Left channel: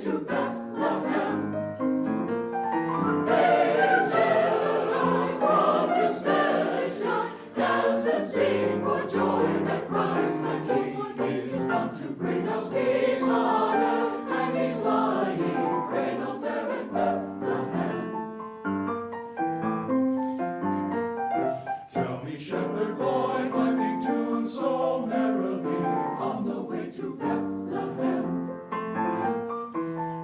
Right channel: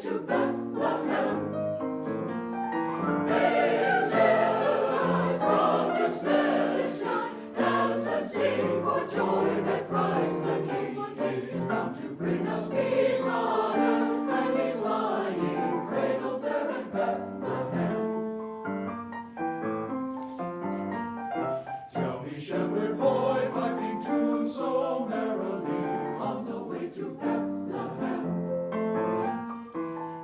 to Bethlehem. Sing for joy that Christ the King is come to bring us peace on earth, and He's lying cradled there in Bethlehem. Tell me, shepherd boy, piping tune so merrily on the way to Bethlehem.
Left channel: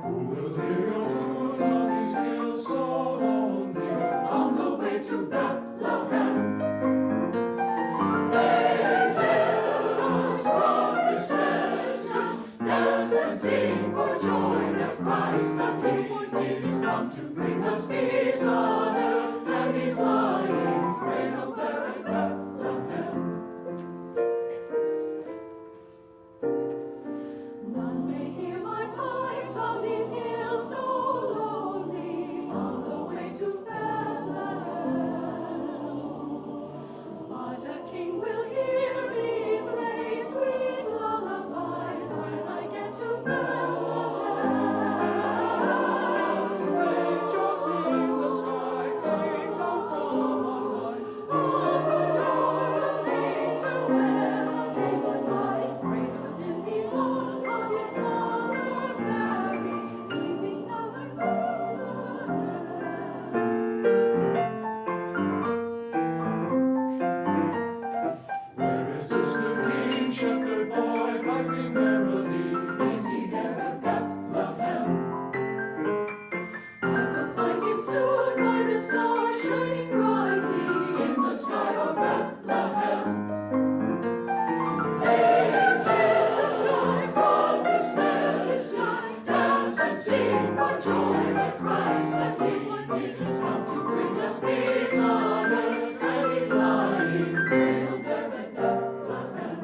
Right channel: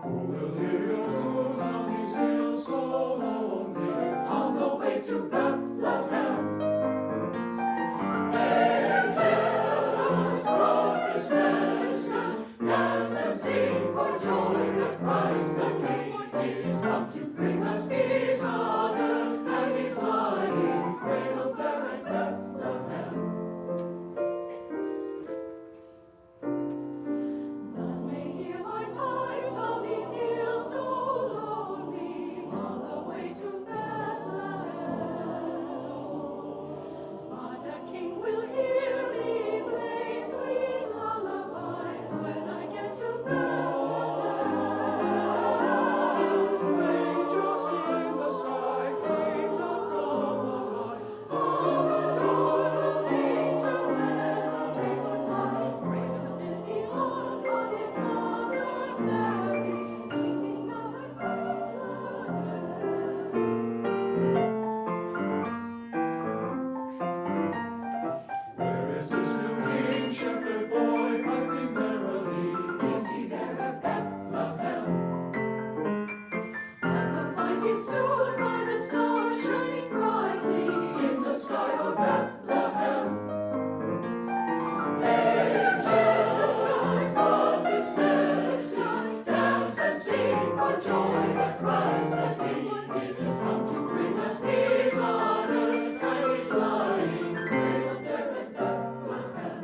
Who will hear your tunes on these hills so lonely on the way to Bethlehem? Christ the King is come to bring us peace on earth, and He's lying cradled there in Bethlehem. None may hear my pipes on these hills so lonely on the way to Bethlehem. But a King will hear me play sweet lullabies when I get to Bethlehem. Shepherd boy, piping merrily, is he there at Bethlehem? I will find him soon by the stars shining brightly in the sky of Bethlehem. Angels rise from this message, dance and sing for joy that Christ the King is come to bring us peace on earth, and He's lying cradled there at Bethlehem.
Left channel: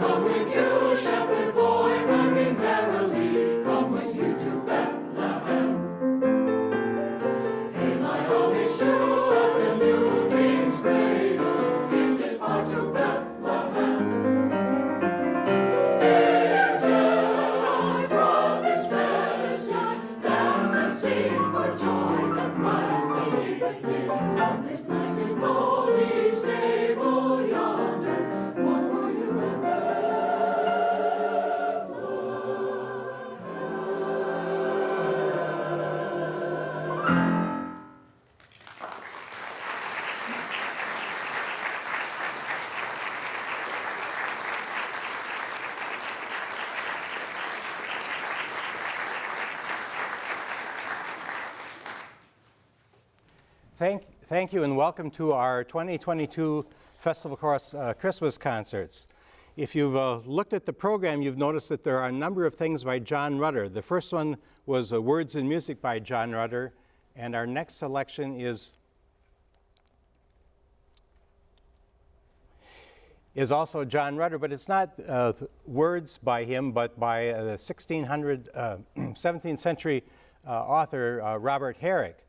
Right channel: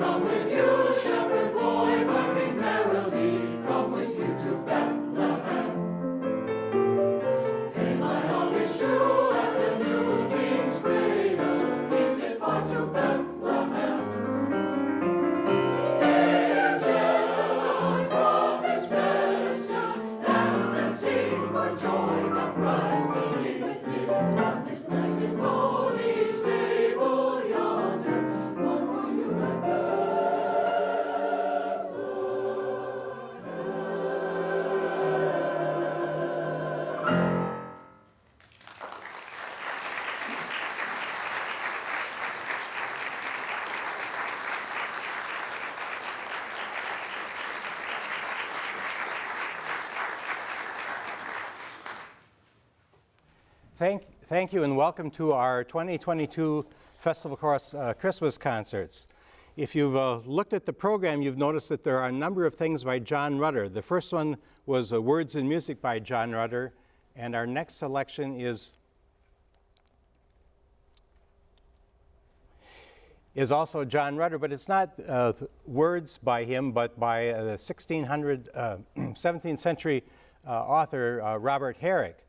Come with you, shepherd boy, piping merrily, come with you to Bethlehem. Hey, my homage to at the new King's cradle, is it far to Bethlehem? Angels rise from this message, dance and sing for joy that Christ the King is come this night in holy stable yonder, born for you and Thank you, and welcome to our 2022 Festival Chorus Christmas concerts. If you've looked at the program, you've noticed that there are a number of things by John Rutter. The first one was Words and Music by John Rutter, and our next selection is also John Rutter, but it's not words by him, but by the 17th century author Robert Herrick.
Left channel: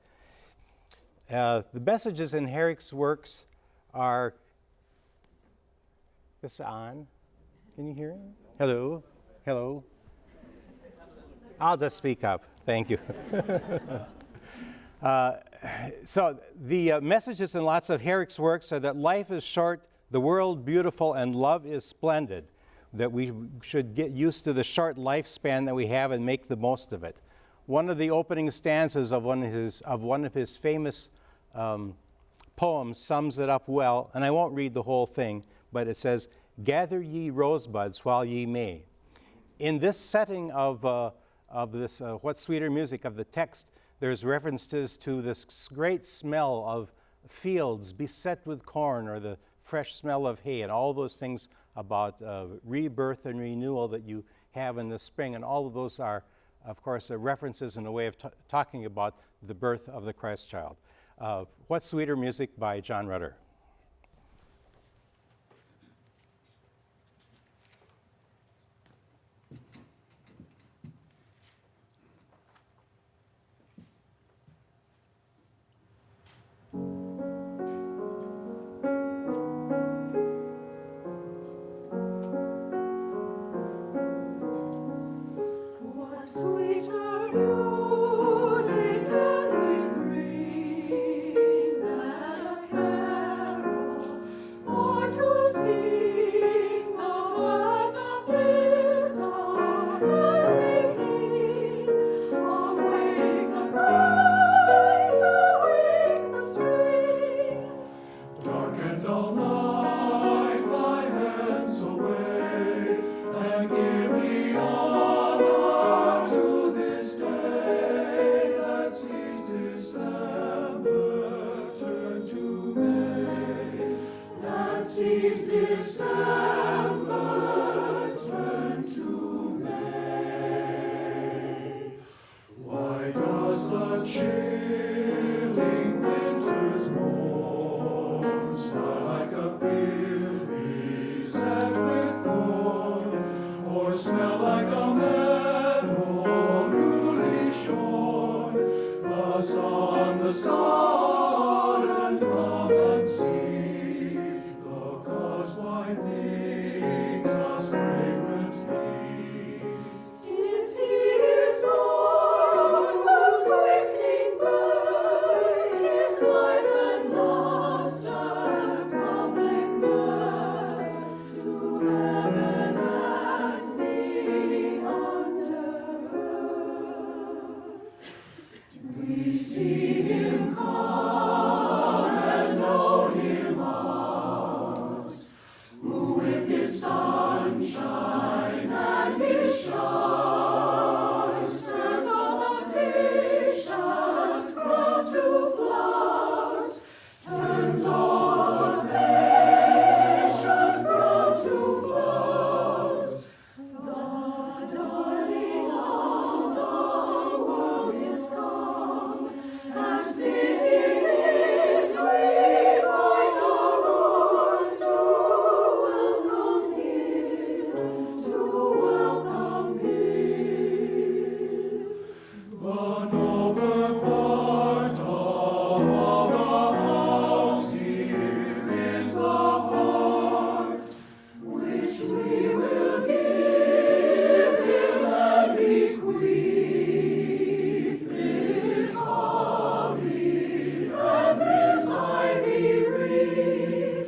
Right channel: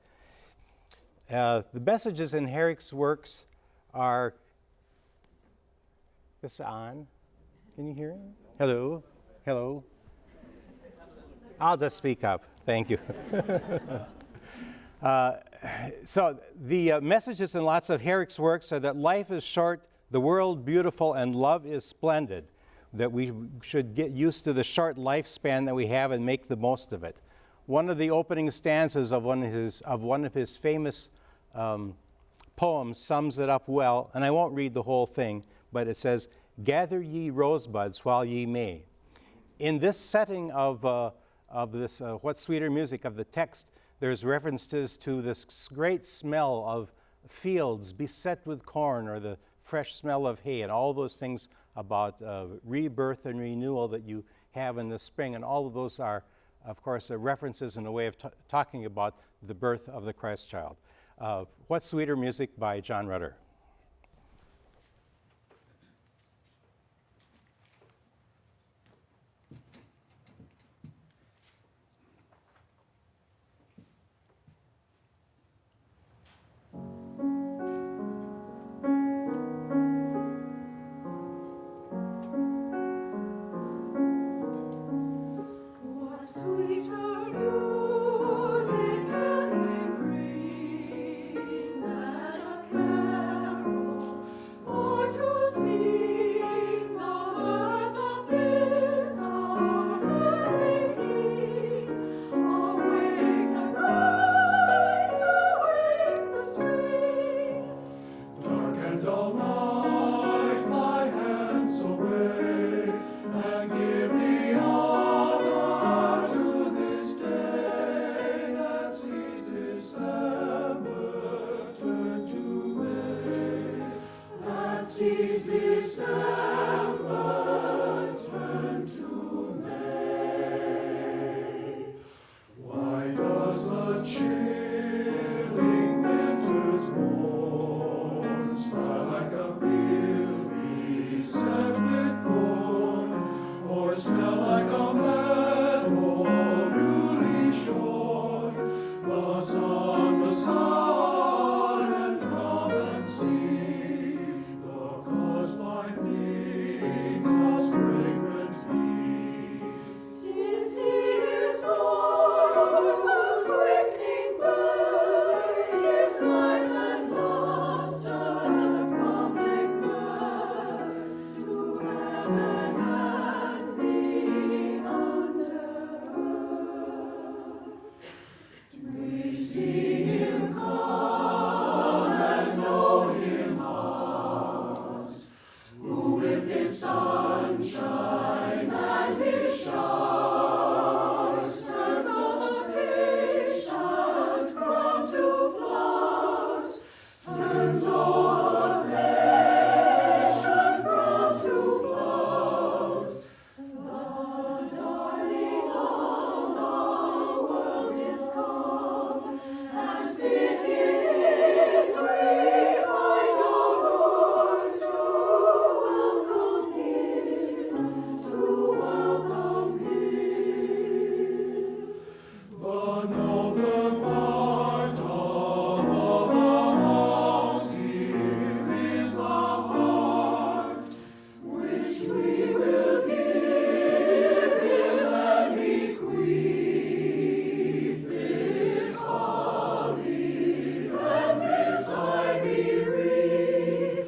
The messages in Herrick's works are, this is on, can you hear him? Hello, hello. I'll just speak up, thank you. So the messages in lots of Herrick's works are that life is short, the world beautiful, and love is splendid, that we should get used to the short lifespan that we have and make the most of it. One of the opening stanzas of one of his famous poems sums it up well, and I won't read the whole thing, but it says, "Gather ye rosebuds while ye may." In this setting of this What Sweeter Music of the text, there's references to this great smell of fields beset with corn, or the fresh smell of hay, and all those things about rebirth and renewal that you have in the spring, and all of those are, of course, references in a way of talking about the birth of the Christ child. What Sweeter Music by John Rutter. sunshine and his showers, turns all the patient ground to flowers, turns all the patient ground to flowers. The darling of the world is come, and fit it is we find our Lord to welcome him. The noble part of all the house here is the heart, which we will give him and bequeath this holly and this ivy wreath,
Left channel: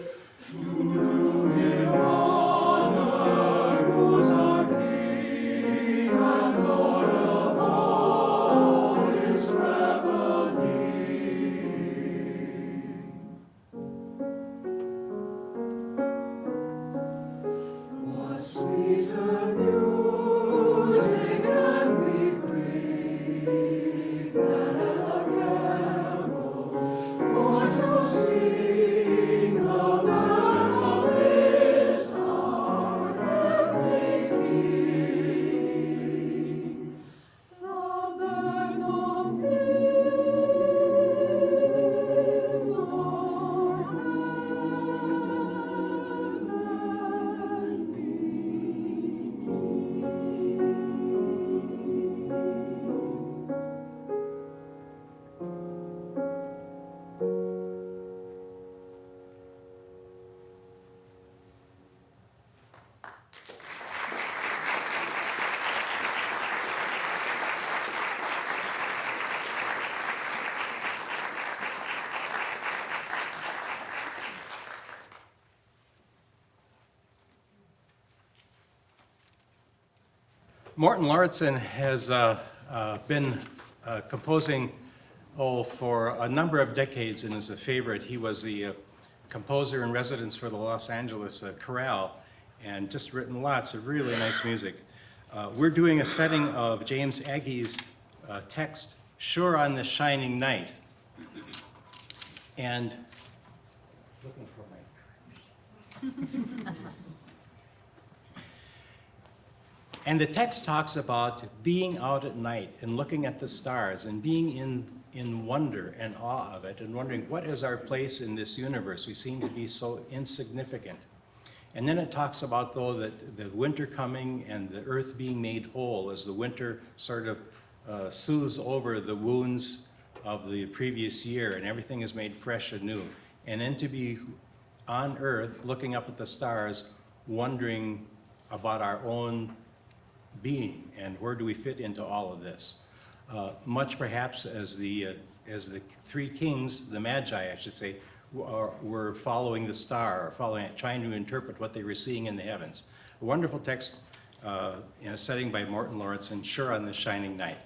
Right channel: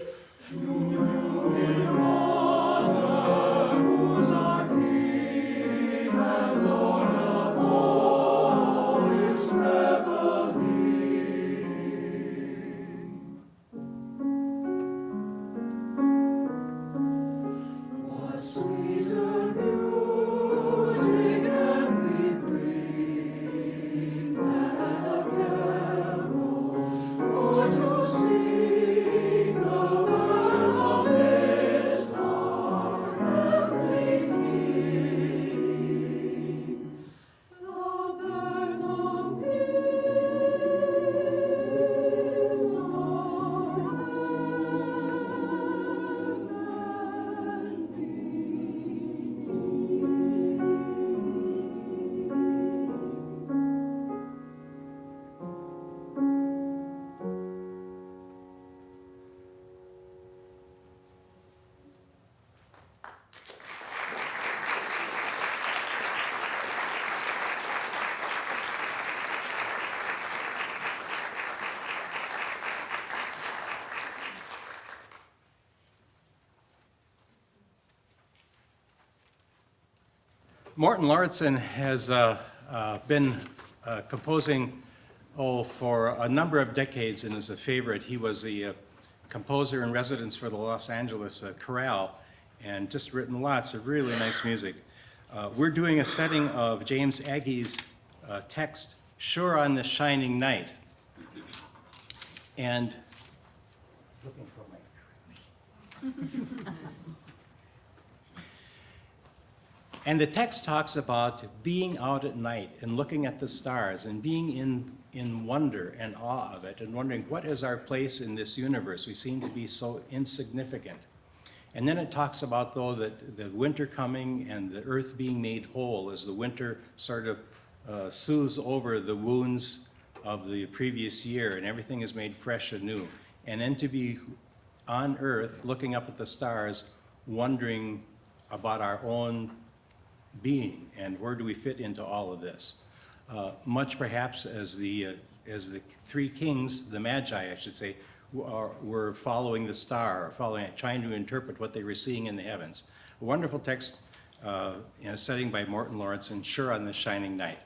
to do him honor, who's our King and Lord of all his reveling. What sweeter music can we bring than a carol for to sing the birth of this our heavenly King? The birth of this our Morton Lauritsen has been composing for a number of decades and is a favorite. He was the composer in residence for the Los Angeles Chorale and just written lots of really nice music. We're doing a setting of James Aggie's text, Sure on This Shining Night. And looking for my And the text talks about being out at night and looking at the stars and being in wonder and awe of it and wondering what is our place in this universe. We seem to be so insignificant. And then it talks about, though, that the winter coming and the earth being made whole as the winter sort of soothes over the wounds of the previous year and everything is made fresh anew. And then to be on earth looking up at the stars, wondering about our own being and where do we fit into all of this. Much perhaps as the three kings, the Magi, I should say, were following the star, trying to interpret what they were seeing in the heavens. A wonderful text in a setting by Morton Lauritsen, Sure on This Shining Night.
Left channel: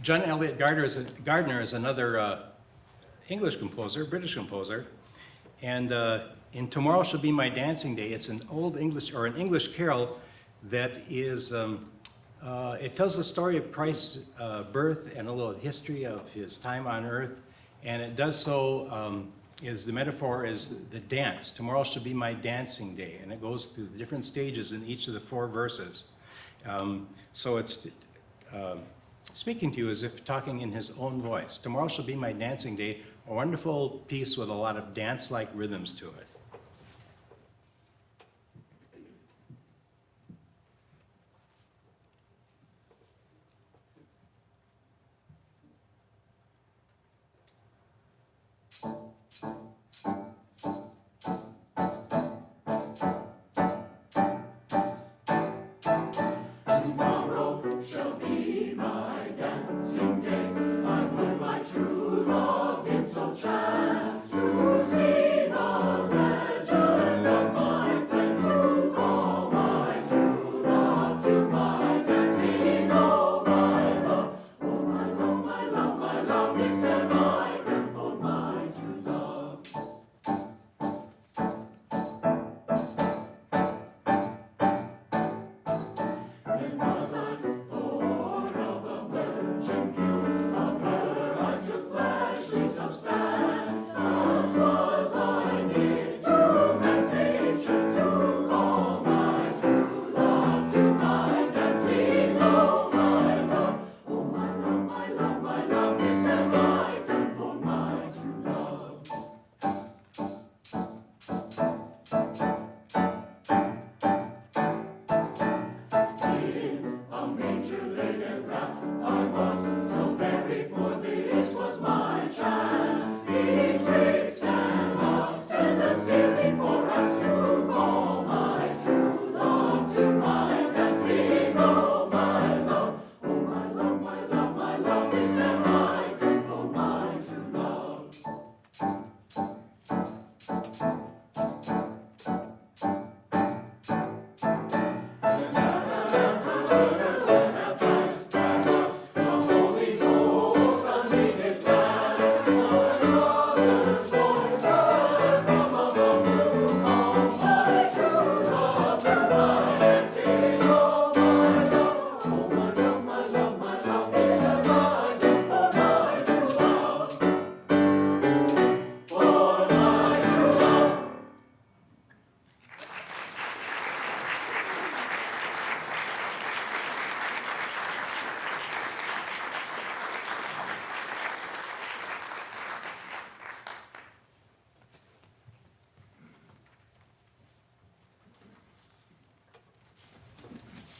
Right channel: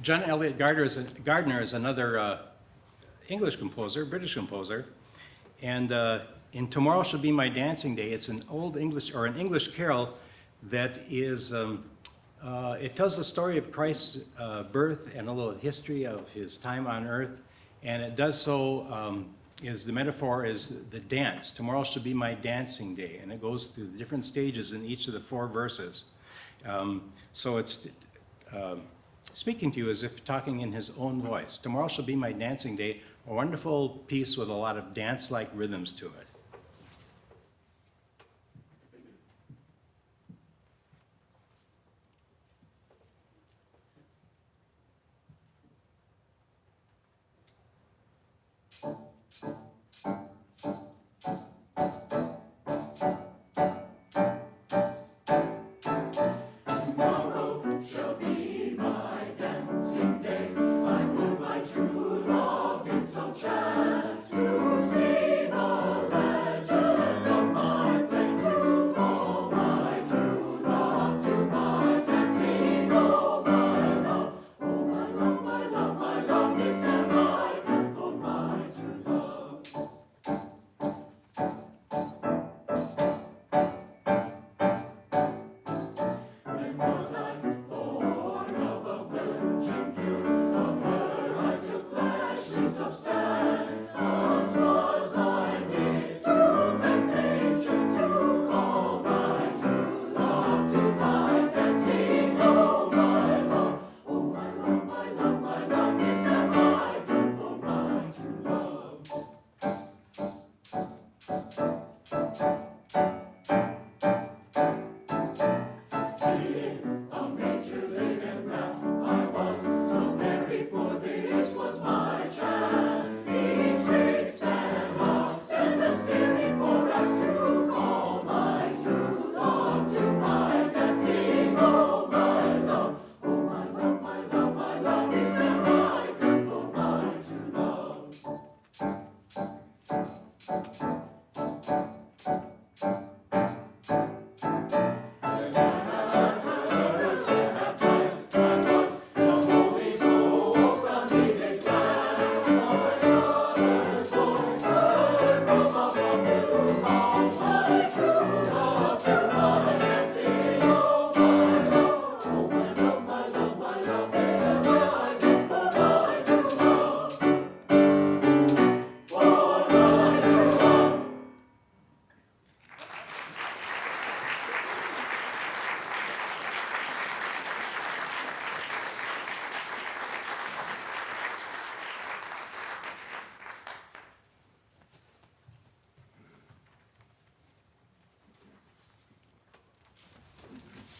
John Eliot Gardner is another English composer, British composer, and in Tomorrow Shall Be My Dancing Day, it's an old English, or an English carol that is, it tells the story of Christ's birth and a little history of his time on earth, and it does so, the metaphor is the dance. Tomorrow shall be my dancing day, and it goes through the different stages in each of the 4 verses. So it's speaking to you as if talking in his own voice. Tomorrow shall be my dancing day, a wonderful piece with a lot of dance-like rhythms to it. Tomorrow shall be my dancing day. I would my true love did so chance to see the legend of my pen, to call my true love to my dancing. Oh my love, oh my love, my love, my love, is that I yearn for my true love. Then was I born of a virgin pure, of her I took fleshly substance.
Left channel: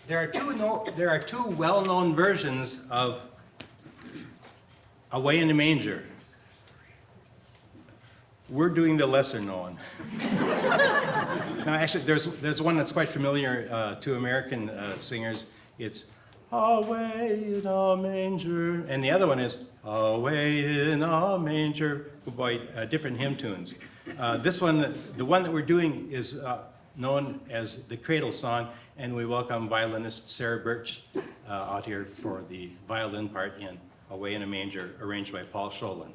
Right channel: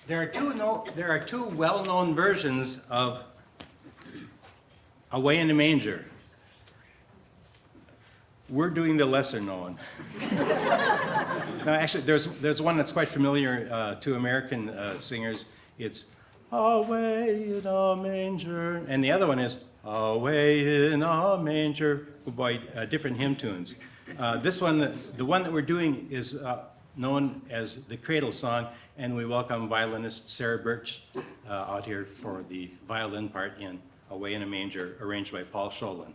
There are two well-known versions of Away in the Manger. We're doing the lesser known. Now, actually, there's one that's quite familiar to American singers. It's Away in a Manger, and the other one is Away in a Manger, by different hymn tunes. This one, the one that we're doing, is known as the Cradle Song, and we welcome violinist Sarah Birch out here for the violin part in Away in a Manger, arranged by Paul Scholin.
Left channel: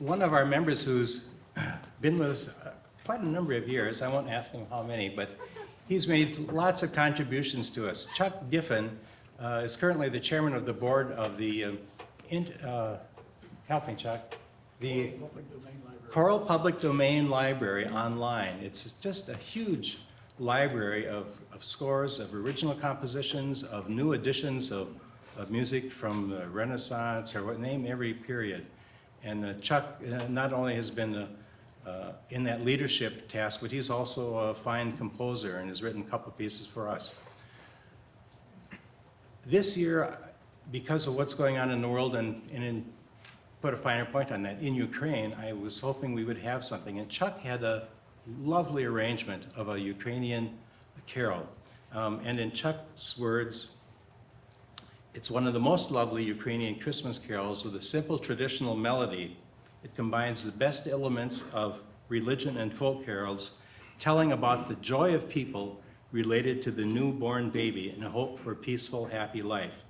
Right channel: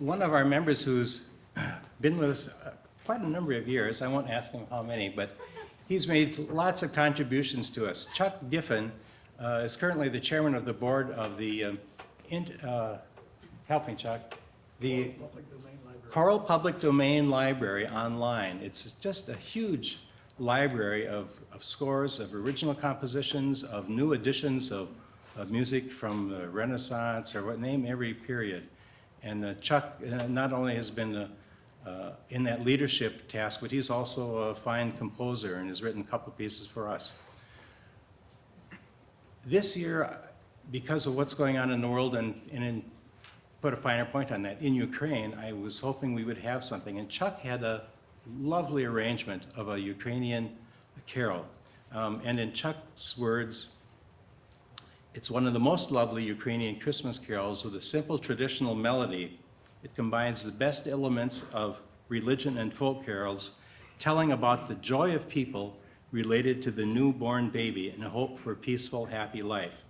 One of our members who's been with us quite a number of years, I won't ask him how many, but he's made lots of contributions to us. Chuck Giffen is currently the chairman of the board of the, help me Chuck, the Choral Public Domain Library online. It's just a huge library of scores, of original compositions, of new editions of music from the Renaissance, or what, name every period. And Chuck not only has been in that leadership task, but he's also a fine composer and has written a couple pieces for us. This year, because of what's going on in the world, and put a finer point on that, in Ukraine, I was hoping we would have something. And Chuck had a lovely arrangement of a Ukrainian carol. And in Chuck's words, it's one of the most lovely Ukrainian Christmas carols with a simple traditional melody. It combines the best elements of religion and folk carols, telling about the joy of people related to the newborn baby and a hope for a peaceful, happy life.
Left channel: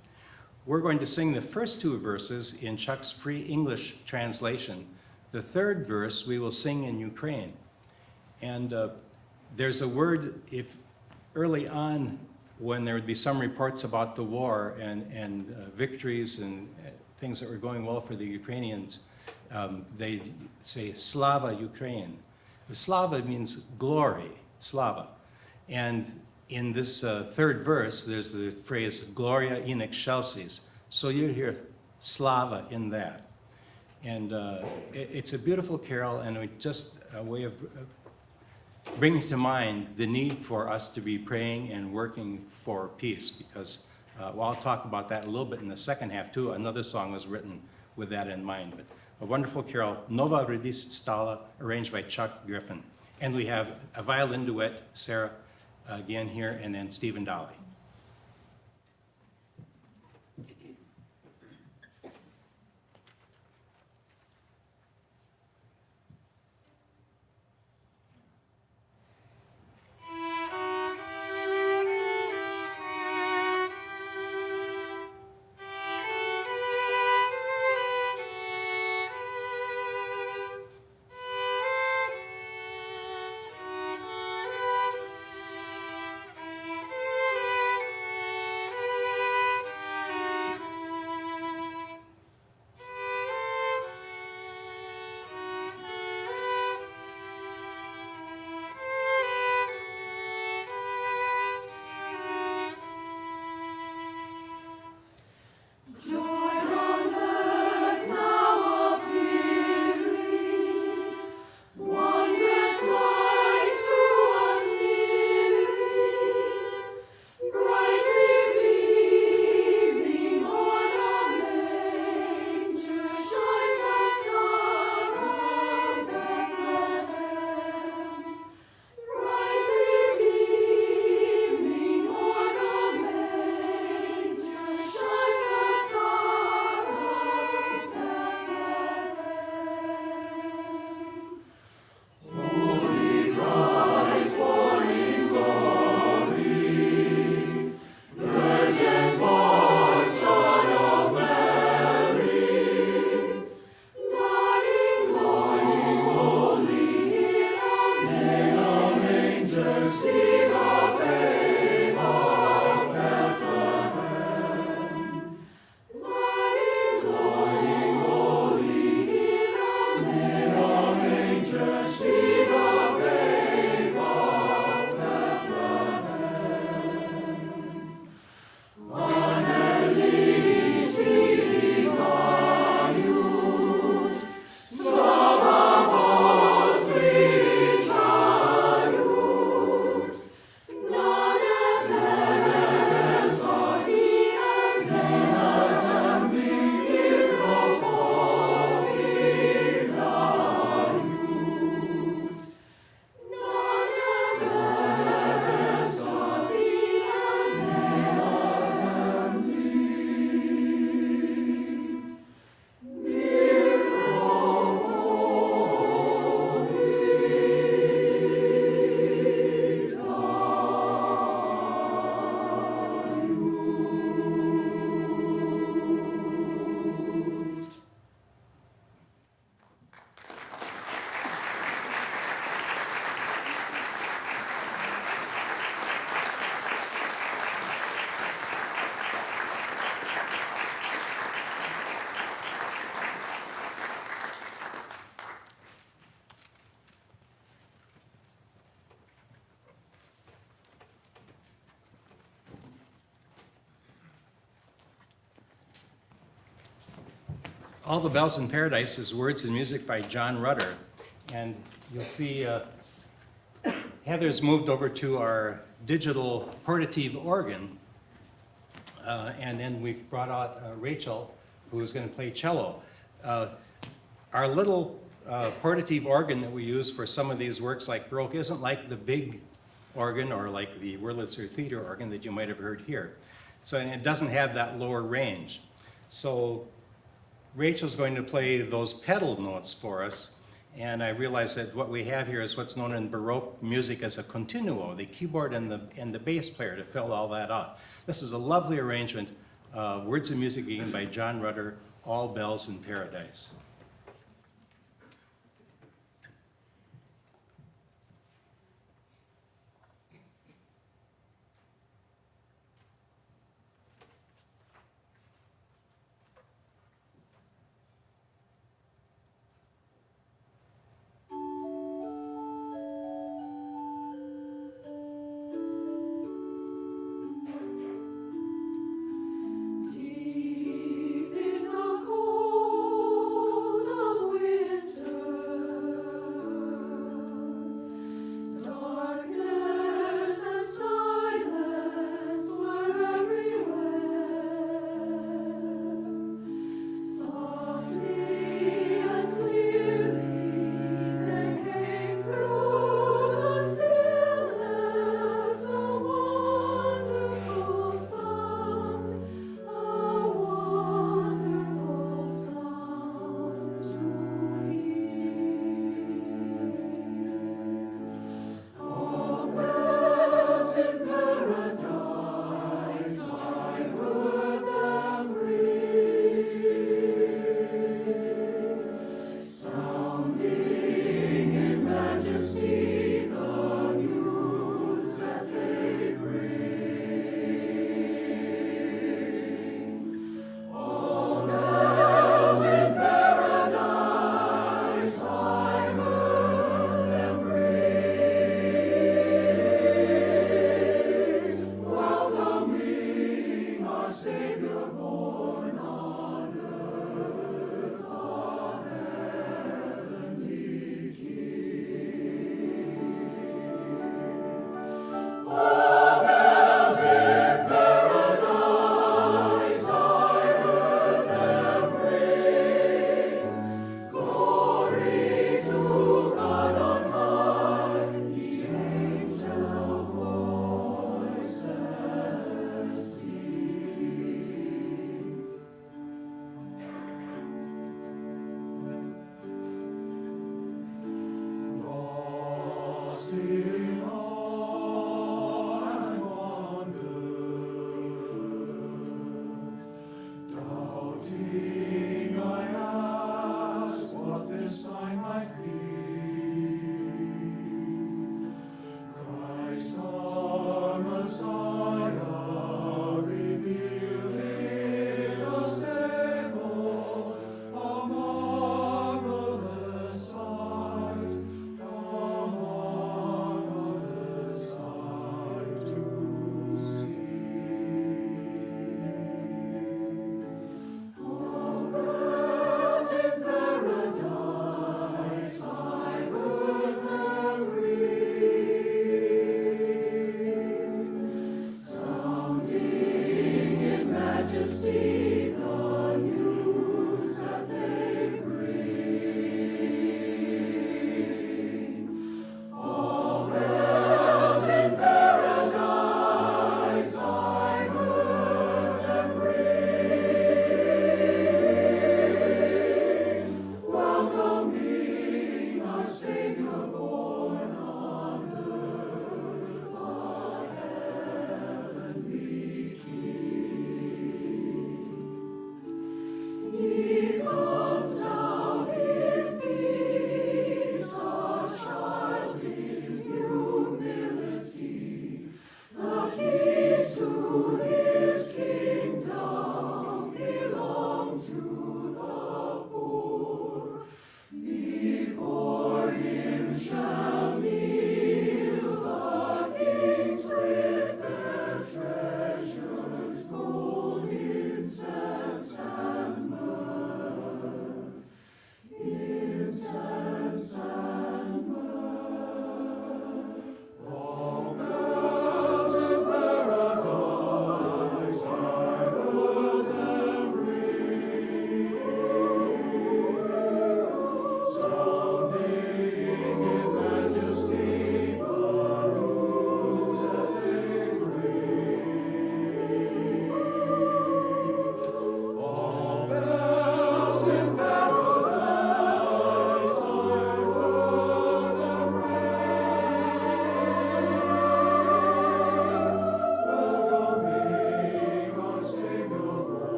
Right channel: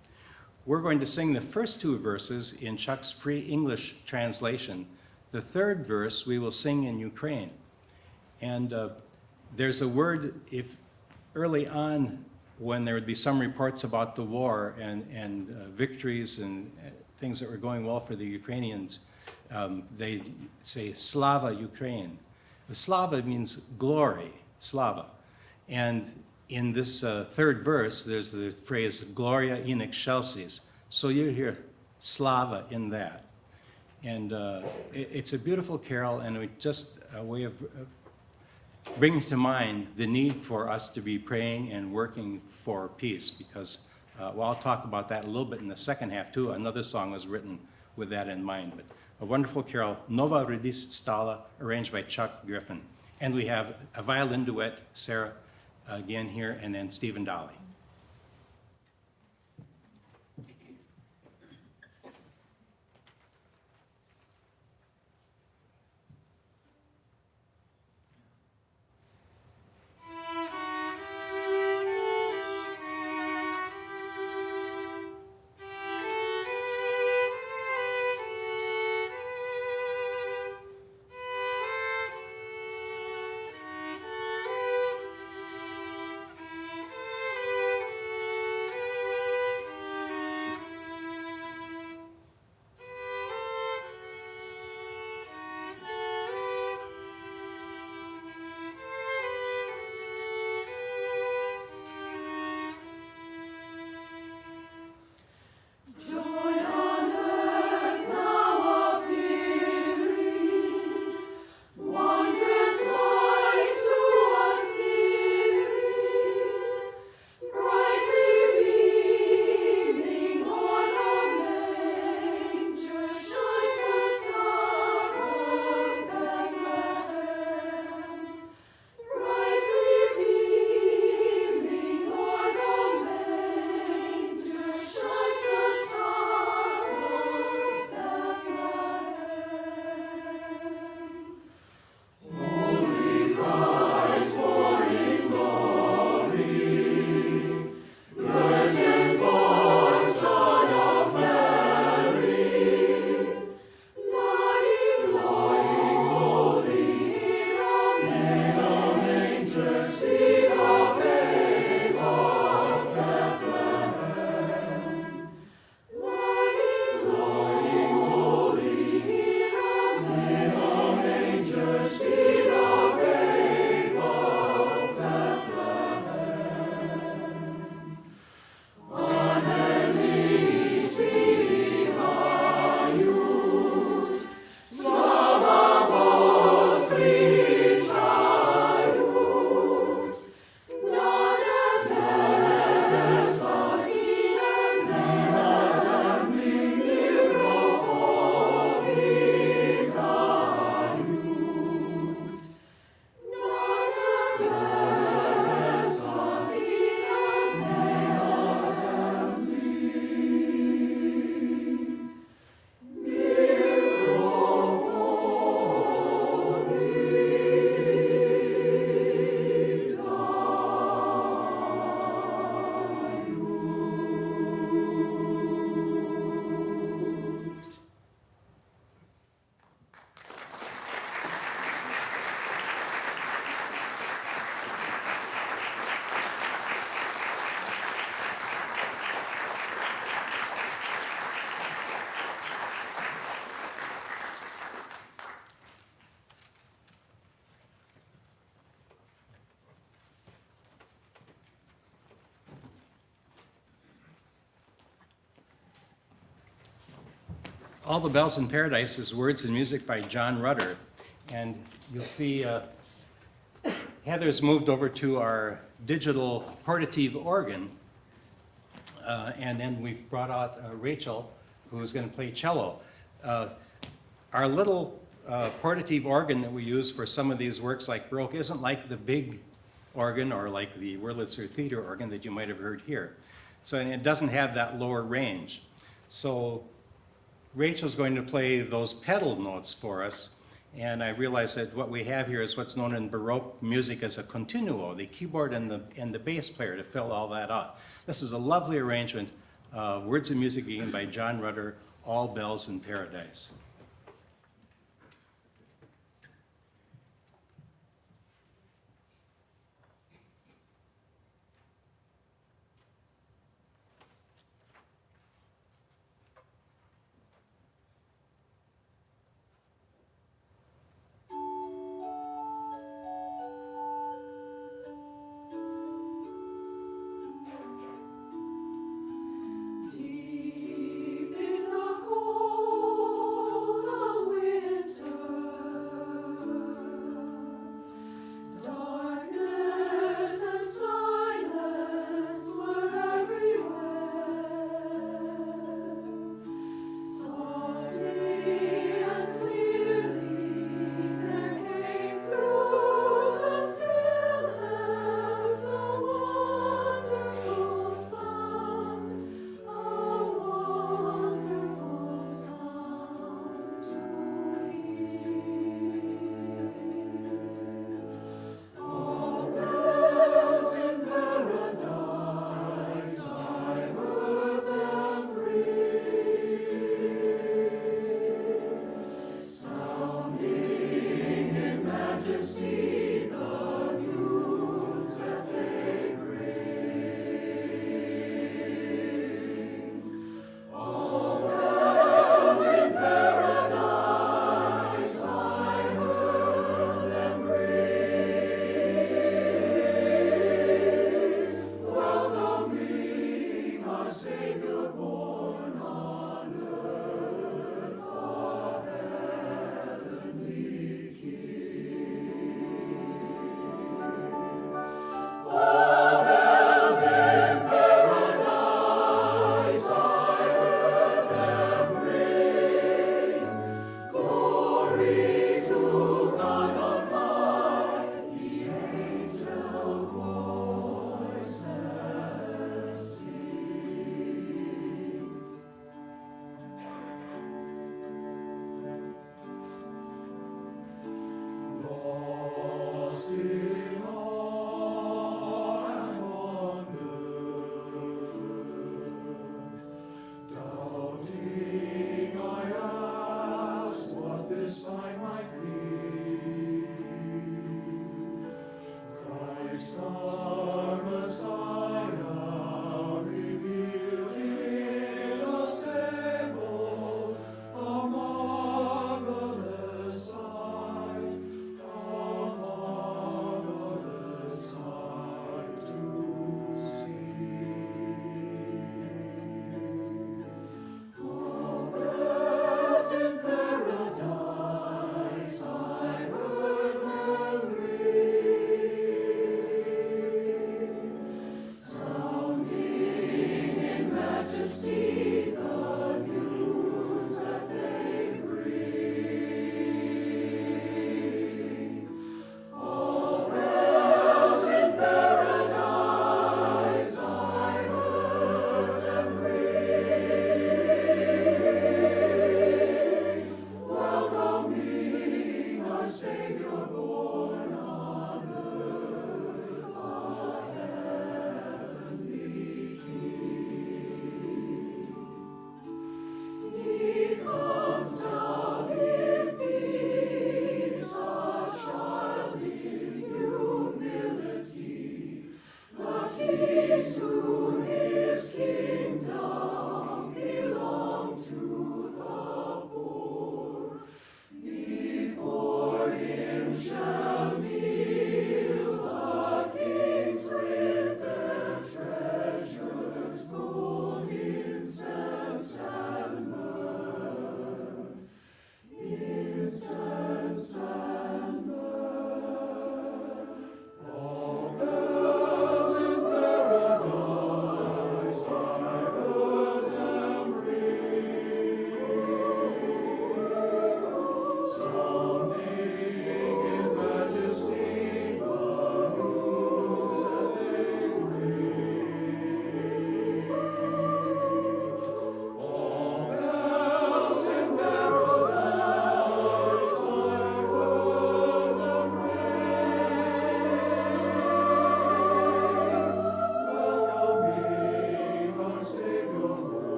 We're going to sing the first two verses in Chuck's free English translation. The third verse we will sing in Ukraine. And there's a word, if early on, when there would be some reports about the war and victories and things that were going well for the Ukrainians, they say Slava Ukraine. Slava means glory, Slava. And in this third verse, there's the phrase Gloria in excelsis. So you hear Slava in that. And it's a beautiful carol, and just a way of bringing to mind the need for us to be praying and working for peace, because, well, I'll talk about that a little bit in the second half too. Another song was written with that in mind. But a wonderful carol, Nova Redist Stala, arranged by Chuck Griffin. And we have a violin duet, Sarah again here, and then Stephen Dolly. All the Bells in Paradise is words and music by John Rutter. And you'll see Heather's moved over to our digital portative organ. And then we've brought out Rachel, who is going to play cello. Our little portative organ that we use for some of these works like Baroque isn't like the big organ or like the Wurlitzer Theater organ that you might have heard here. So and it doesn't have that lower range. So Rachel's going to play those pedal notes for us, and I realize that what we have here is what's known in Baroque music as a continuo, the keyboard and the bass player to fill all that out. This is a lovely arrangement, words and music again by John Rutter, All Bells in Paradise. Deep in the cold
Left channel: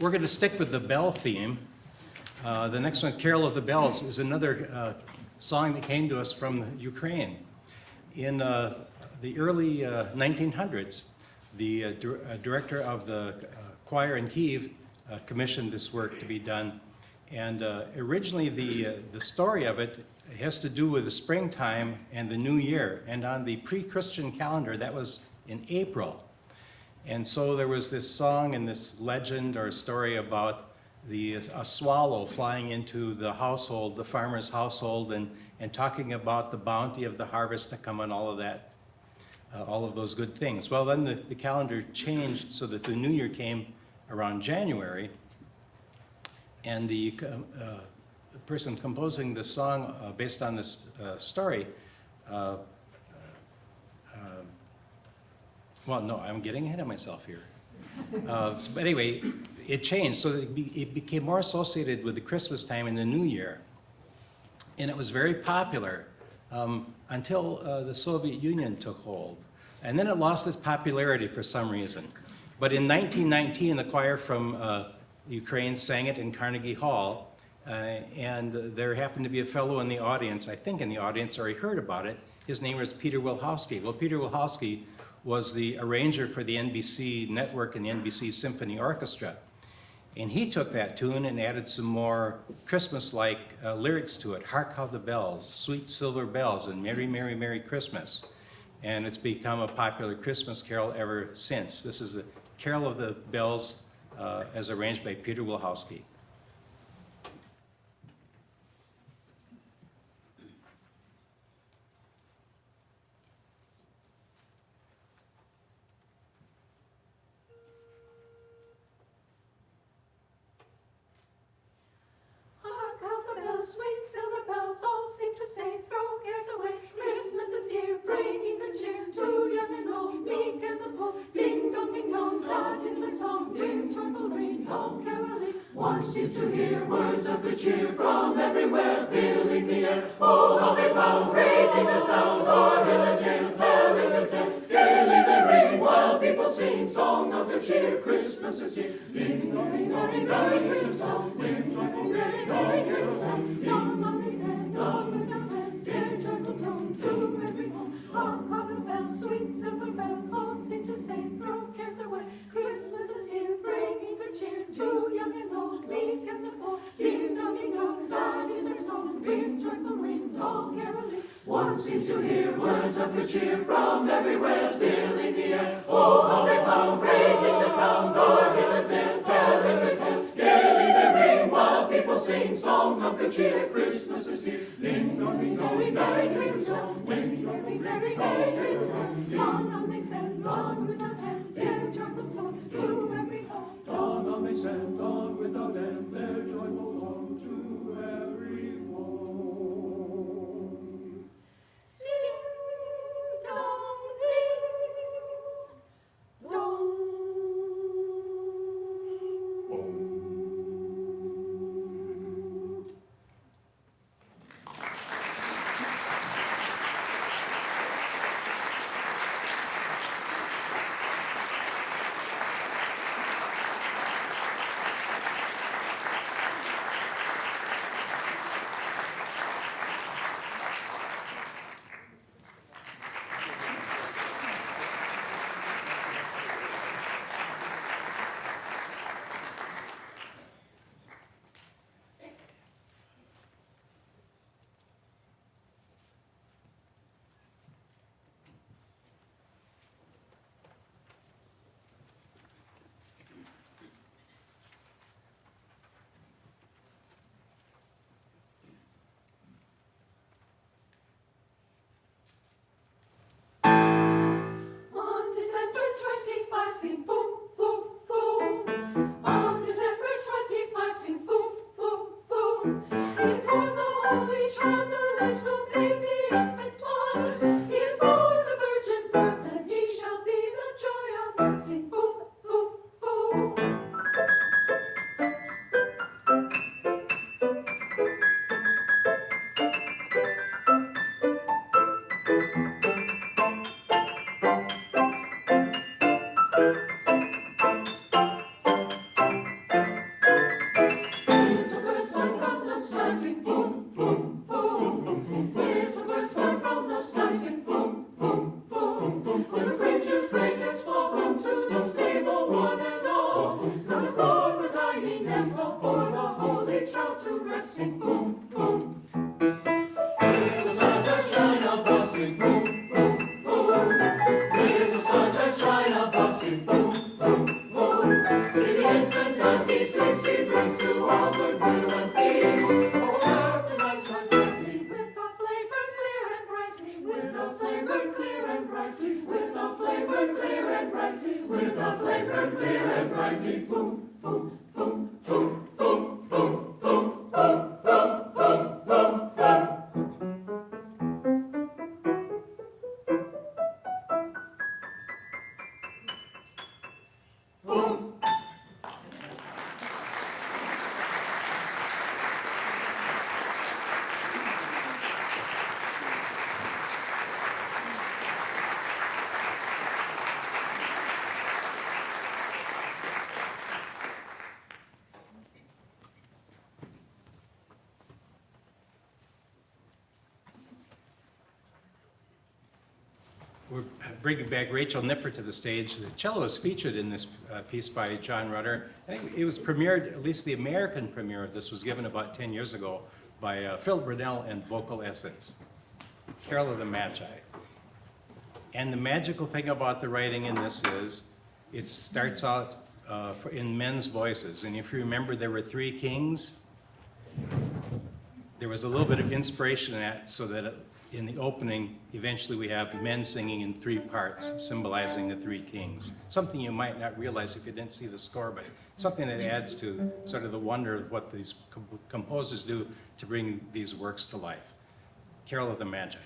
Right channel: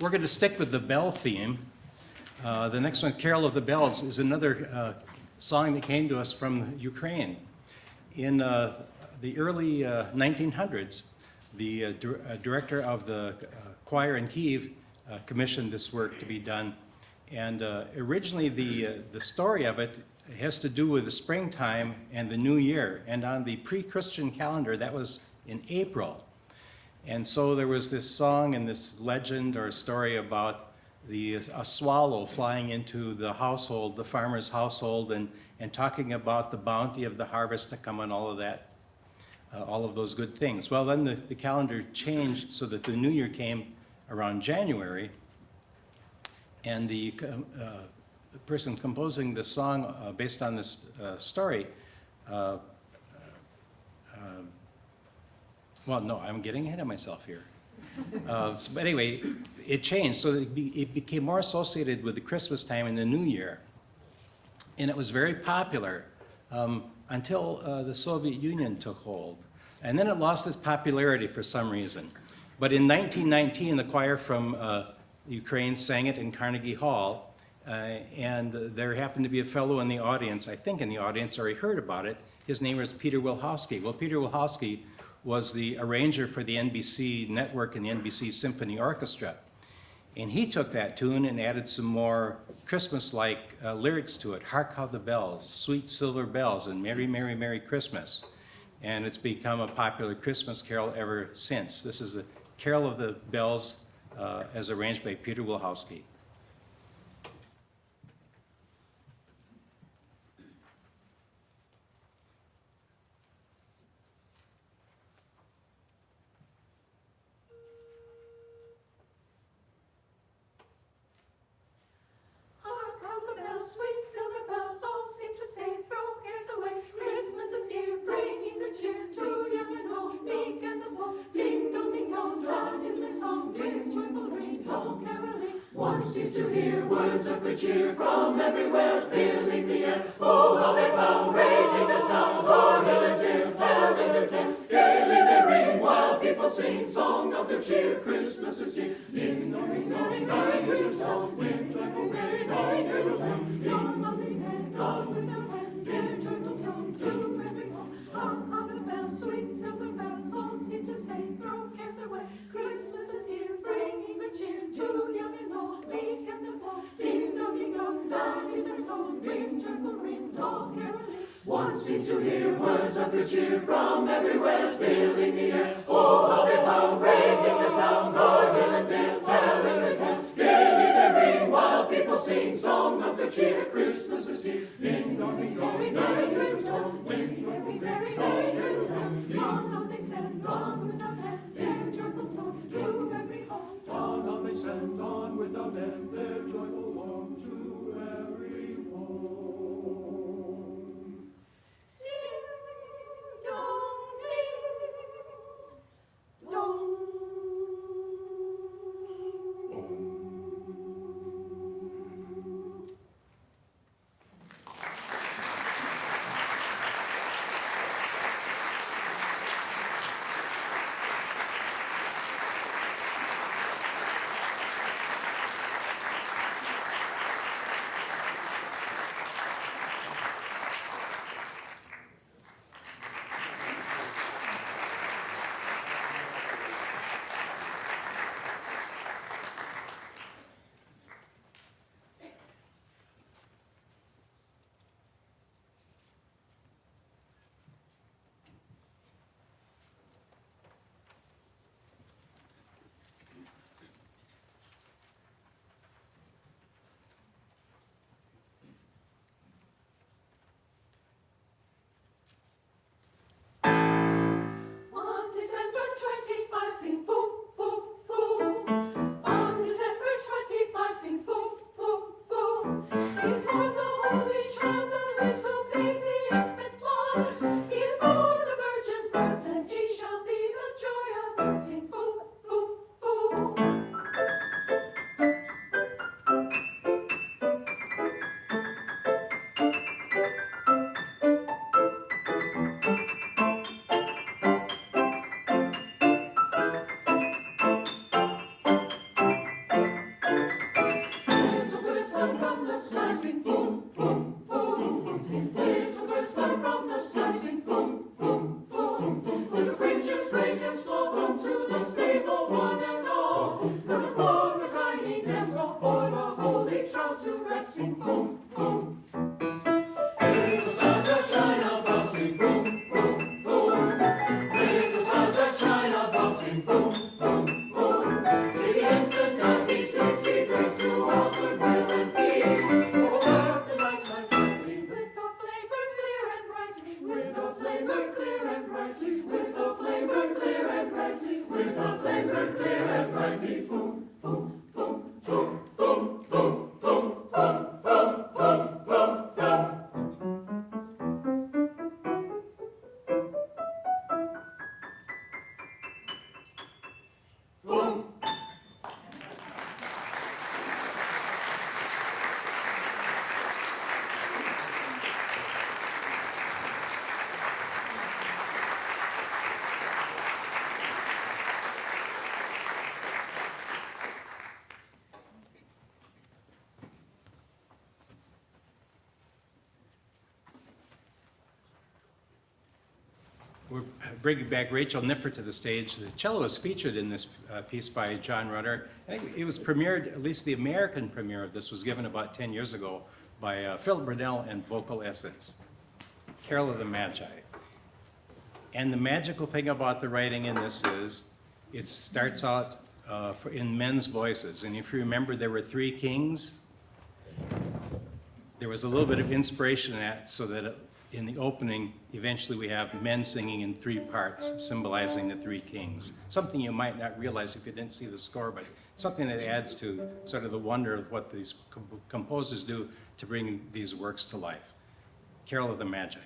We're going to stick with the bell theme. The next one, Carol of the Bells, is another song that came to us from Ukraine. In the early 1900s, the director of the choir in Kyiv commissioned this work to be done. And originally, the story of it has to do with the springtime and the new year. And on the pre-Christian calendar, that was in April. And so there was this song and this legend or story about a swallow flying into the household, the farmer's household, and talking about the bounty of the harvest to come and all of that, all of those good things. Well, then the calendar changed so that the new year came around January, and the person composing the song based on this story, well, no, I'm getting ahead of myself here. But anyway, it changed, so it became more associated with the Christmas time and the New Year. And it was very popular until the Soviet Union took hold. And then it lost its popularity for some reason. But in 1919, the choir from Ukraine sang it in Carnegie Hall, and there happened to be a fellow in the audience, I think in the audience, or he heard about it. His name was Peter Wilhowsky. Well, Peter Wilhowsky was the arranger for the NBC network and the NBC Symphony Orchestra. And he took that tune and added some more Christmas-like lyrics to it. Hark how the bells, sweet silver bells, and Merry, Merry, Merry Christmas. And it's become a popular Christmas carol ever since. This is the Carol of the Bells as arranged by Peter Wilhowsky. Hark how the bells, sweet silver bells, all seem to say, throw cares away. Christmas is here, bringing good cheer to young and old, meek and the poor. Ding dong, loud is the song, with joyful ring, all caroling. One seems to hear words of good cheer from everywhere, filling the air. Oh, how they pound, raising the sound, o'er hill and dale, telling the tale. Gaily they ring, while people sing, song of good cheer. Christmas is here. Ding dong, Merry Christmas, with joyful ring, Merry Christmas. Long on they said, long without end, their joyful tone to every home. Hark how the bells, sweet silver bells, all seem to say, throw cares away. Christmas is here, bringing good cheer to young and old, meek and the poor. Ding dong, that is the song, with joyful ring, all caroling. One seems to hear words of good cheer from everywhere, filling the air. Oh, how they pound, raising the sound, o'er hill and dale, telling the tale. Gaily they ring, while people sing, song of good cheer. Christmas is here. Ding dong, Merry Christmas, with joyful Merry Christmas. Long on they send, on without end, their joyful tone to every home. Long on they send, on without end, their joyful tone to every home. Ding dong, ding dong. and clear and brightly, boom, boom, boom, boom, boom, boom, boom, boom, boom, boom, boom, boom. Boom. We're bringing back Rachel Niffer to the stage. The cello is featured in this piece by John Rutter. I think it was premiered, at least the American premiere of this was given about 10 years ago by Phil Burnell and Vocal Essence. Carol of the Magi. And the magical thing about the writing in this is it starts out in men's voices. And if you remember, there were three kings. There was a little bit of inspiration in that so that in the opening, eventually we have men singing in three parts, symbolizing the three kings. Something you might not realize if you didn't see the score, but something that adds to sort of the wonder of what these composers do to bring these works to life. Carol of the Magi.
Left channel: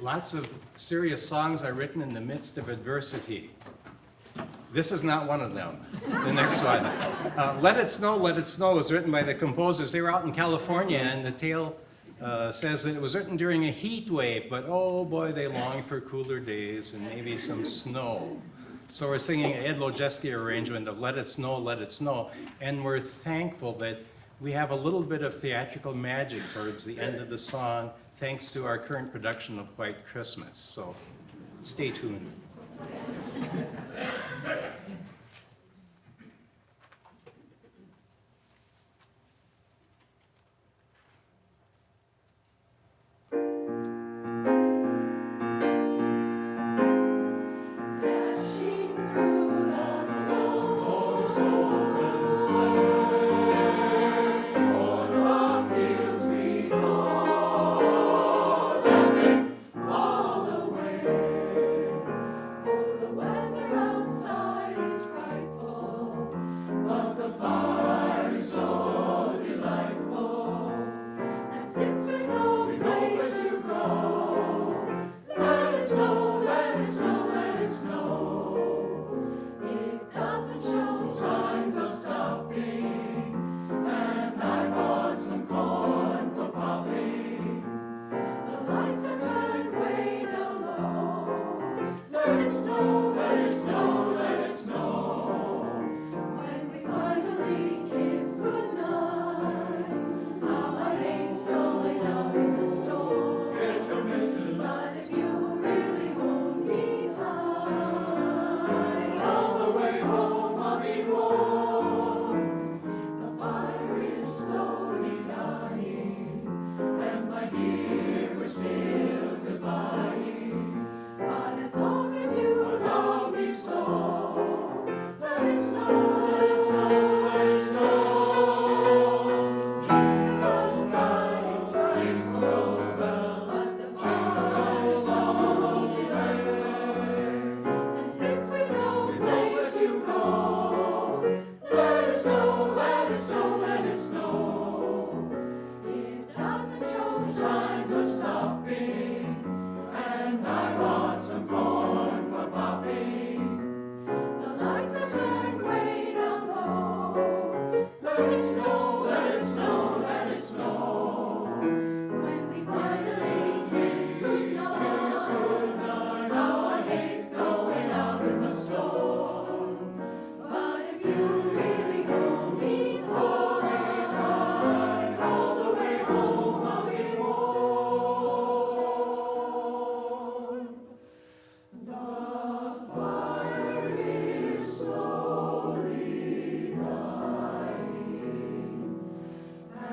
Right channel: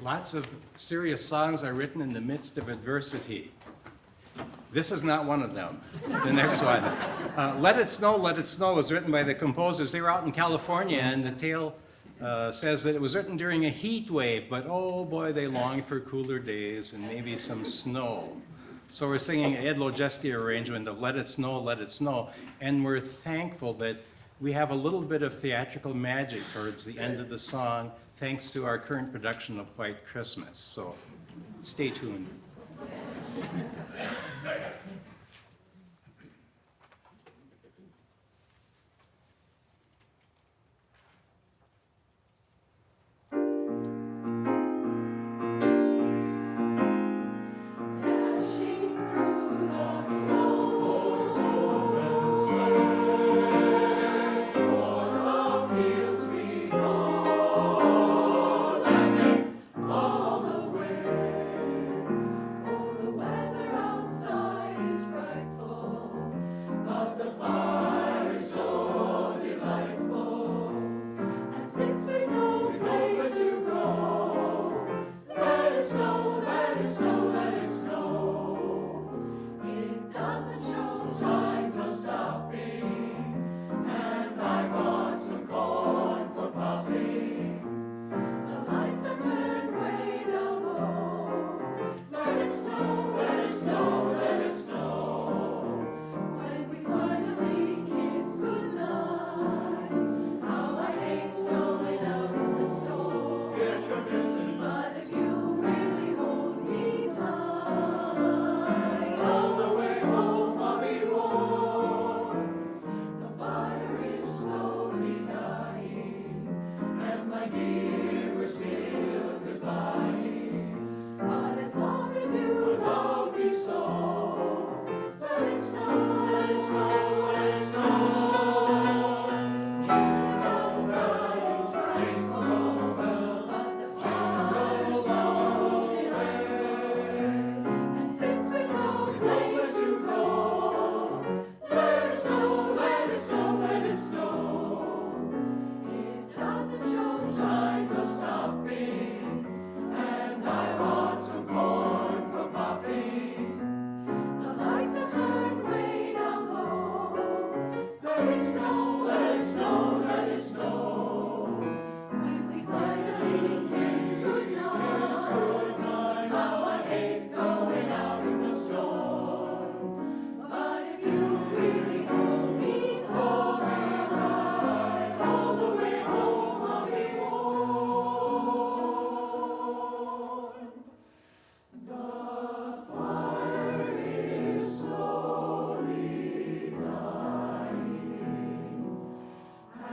Lots of serious songs are written in the midst of adversity. This is not one of them. The next one. Let It Snow, Let It Snow was written by the composers. They were out in California, and the tale says that it was written during a heat wave, but oh boy, they longed for cooler days and maybe some snow. So we're singing an Ed Lojeski arrangement of Let It Snow, Let It Snow, and we're thankful that we have a little bit of theatrical magic towards the end of the song, thanks to our current production of White Christmas. So stay tuned. Dashing through the snow, over the sleigh, o'er the fields we go, laughing all the way. For the weather outside is frightful, but the fire is so delightful. And since we've no place to go, let it snow, let it snow, let it snow. It doesn't show signs of stopping, and I bought some corn for popping. The lights are turned way down low. Let it snow, let it snow, let it snow. When we finally kiss goodnight, how I hate going out in the snow. Get your mittens. But if you really hold me tight, all the way home I'll be warm. The fire is slowly dying, and my dear, we're still goodbying. But as long as you love me so, let it snow, let it snow, let it snow. Jingle bells, jingle bells, but the fire is so delightful. And since we've no place to go, let it snow, let it snow, let it snow. It doesn't show signs of stopping, and I want some corn for popping. The lights are turned way down low. Let it snow, let it snow, let it snow. When we finally kiss goodnight, how I hate going out in the storm. But if you really hold me tight, all the way home I'll be warm. The fire is slowly dying,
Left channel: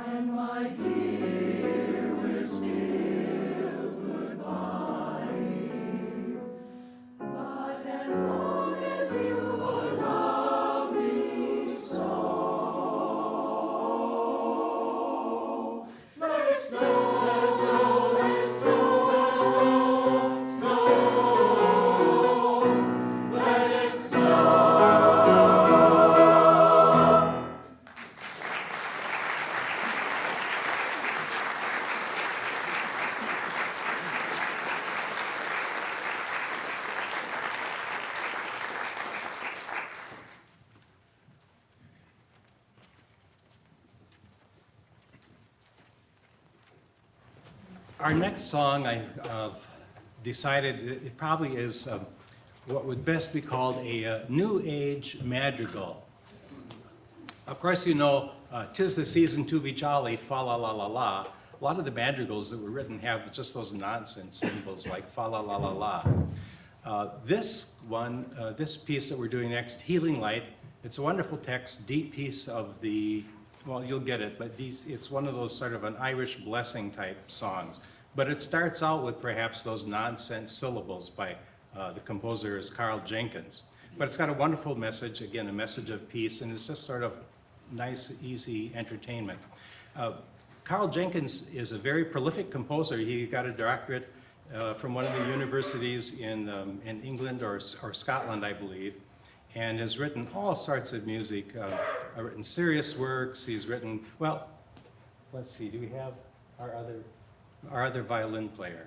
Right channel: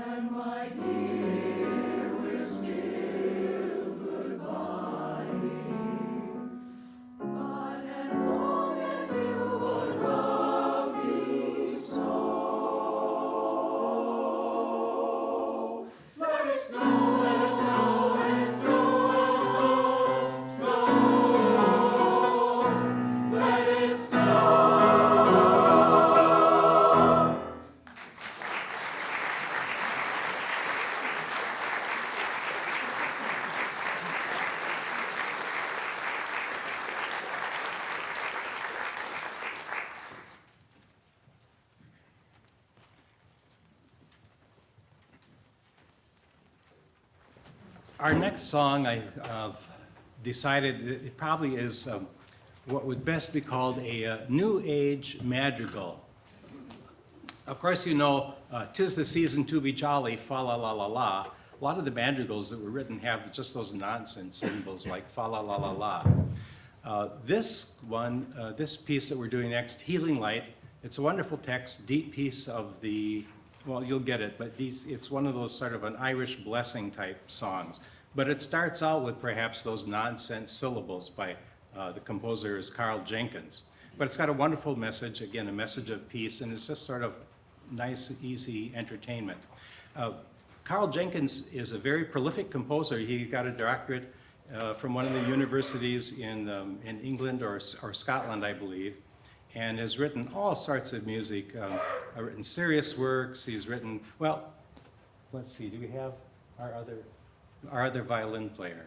and my dear, we're still goodbying. But as long as you love me so, let it snow, let it snow, let it snow, let it snow, snow, let it snow. Our next song, I've decided that it probably is what would best be called a New Age madrigal. Of course, you know, "'Tis the season to be jolly, fa la la la la." A lot of the madrigals that were written have just those nonsense symbols like fa la la la la. This one, this piece that we're doing next, Healing Light, it's a wonderful text, deep piece of the, well, you'll get it, but it's one of those sort of an Irish blessing type songs. But it starts out with perhaps those nonsense syllables by the composer is Carl Jenkins. But it's got a wonderful message, again, a message of peace, and it's just sort of nice, easy entertainment. Carl Jenkins is a very prolific composer. He got a doctorate from one of the universities in England or Scotland, I believe, and has written all sorts of music. Written serious works. He's written, well, let's see, do we have our other violin player?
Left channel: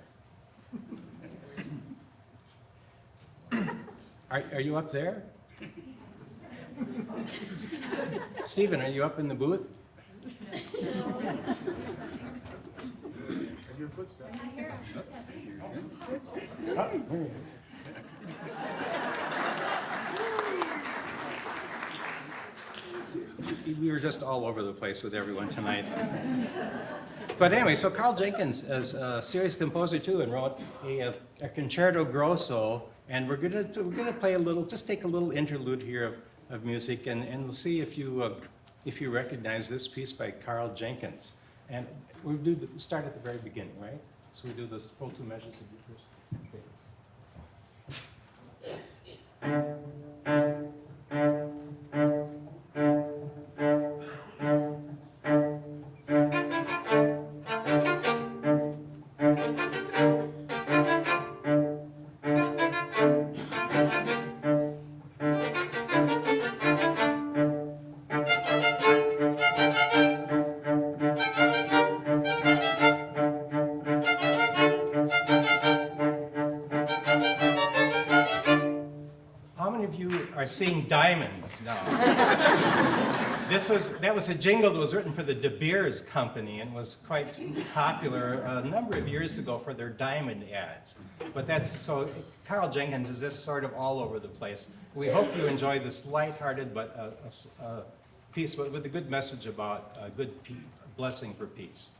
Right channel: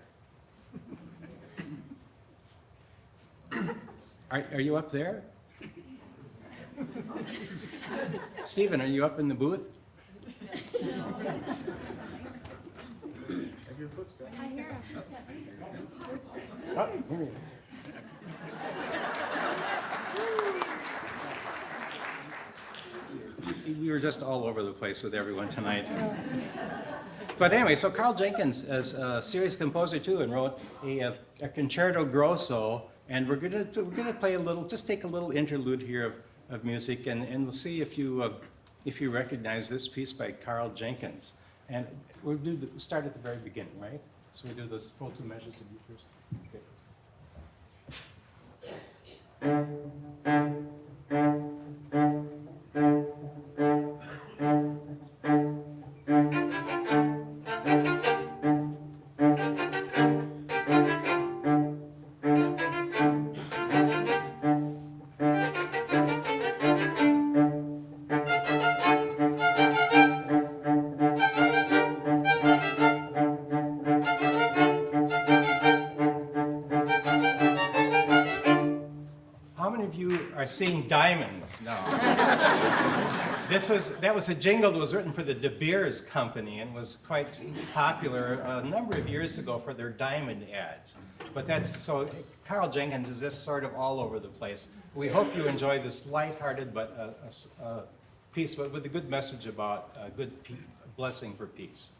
Are you up there? Stephen, are you up in the booth? Oh, here he is. We were just all over the place with everyone tonight. But anyway, so Carl Jenkins is a serious composer too, and wrote a concerto grosso, and we're gonna play a little, just take a little interlude here of music, and we'll see if you recognize this piece by Carl Jenkins. And we'll start at the very beginning, right? So we do those full two measures of you first. Okay. How many of you are seeing diamonds now? That was a jingle that was written for the De Beers Company and was quite popular a number of years ago for their diamond ads. But so Carl Jenkins is just sort of all over the place. We hope you enjoy this lighthearted but a piece with a good message about a good blessing for peace.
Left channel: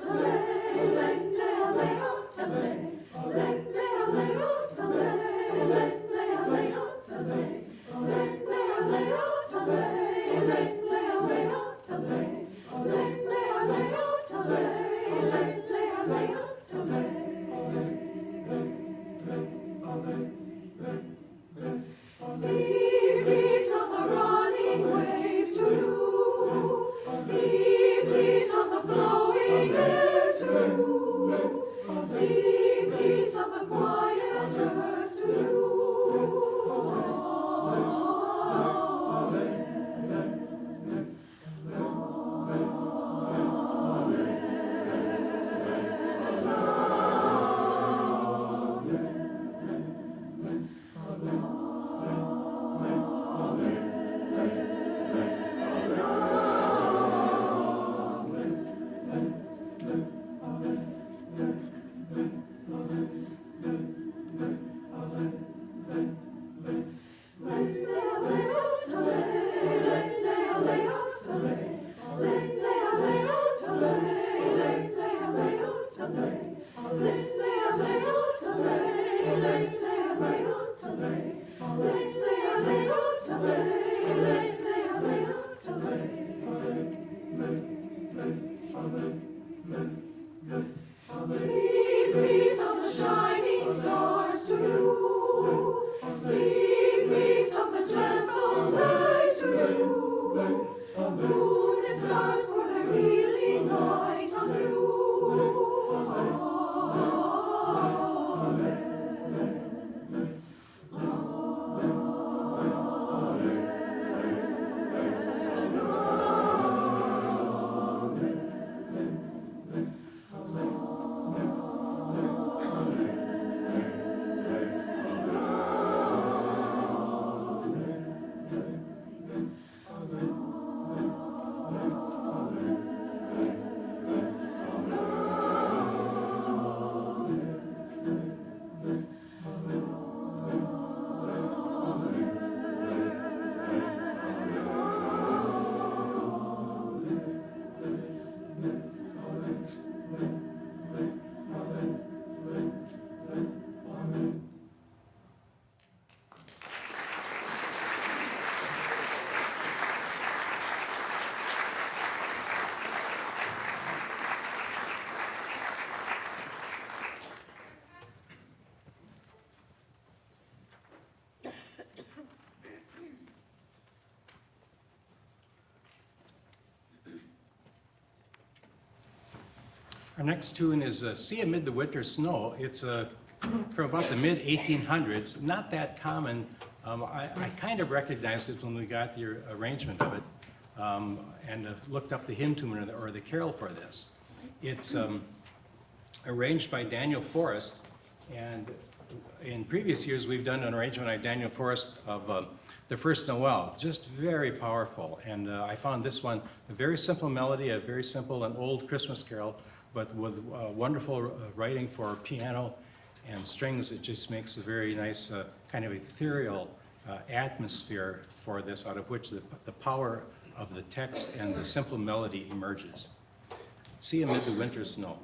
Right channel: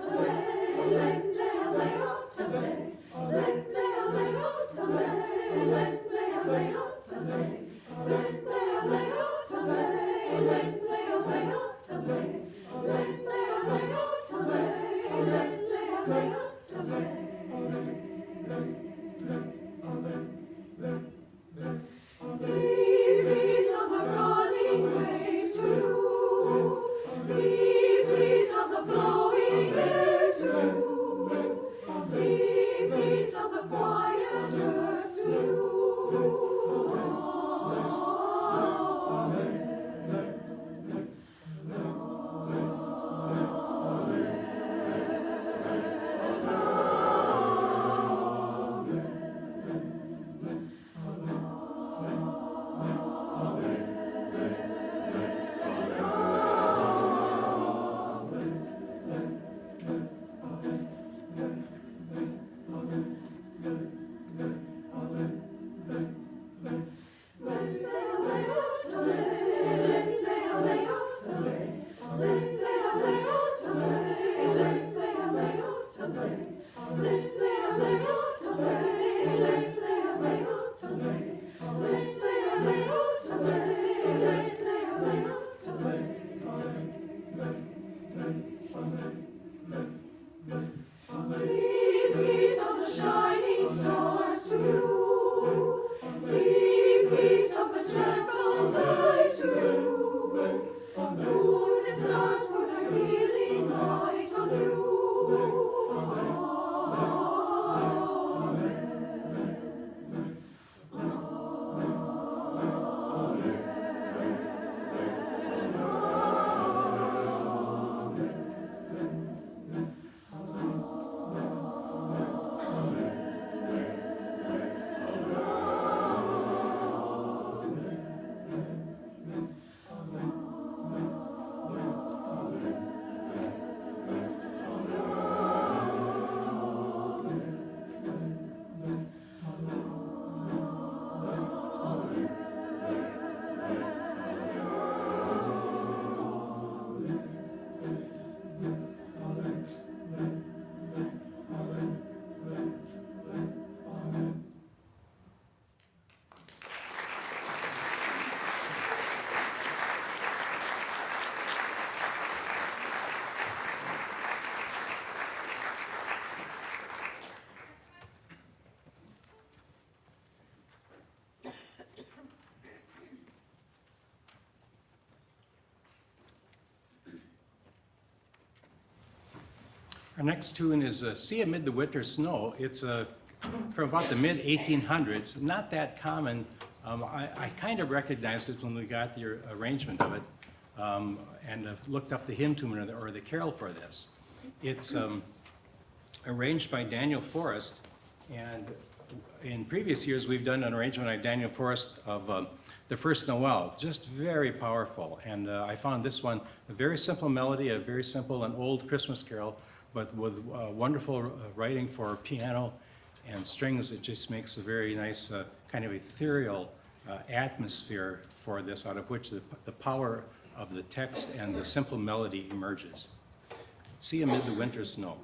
Hallelujah. Our next tune is "Sea Amid the Winter Snow." It's from about the mid-1800s, not that common. I kind of recognized it when we got the arrangement of it, and looked up the hymn tune or the carol for this. It's arranged by Daniel Forrest, and in previous years we've done an arrangement by Daniel Forrest of the First Noel, just very powerful. And I found this one a very simple melody, a very simple and old Christmas carol, but with wonderful writing for piano and strings. It just makes a very nice kind of ethereal atmosphere for this, out of which the power of the text and the simple melody emerges. "Sea Amid the Winter Snow."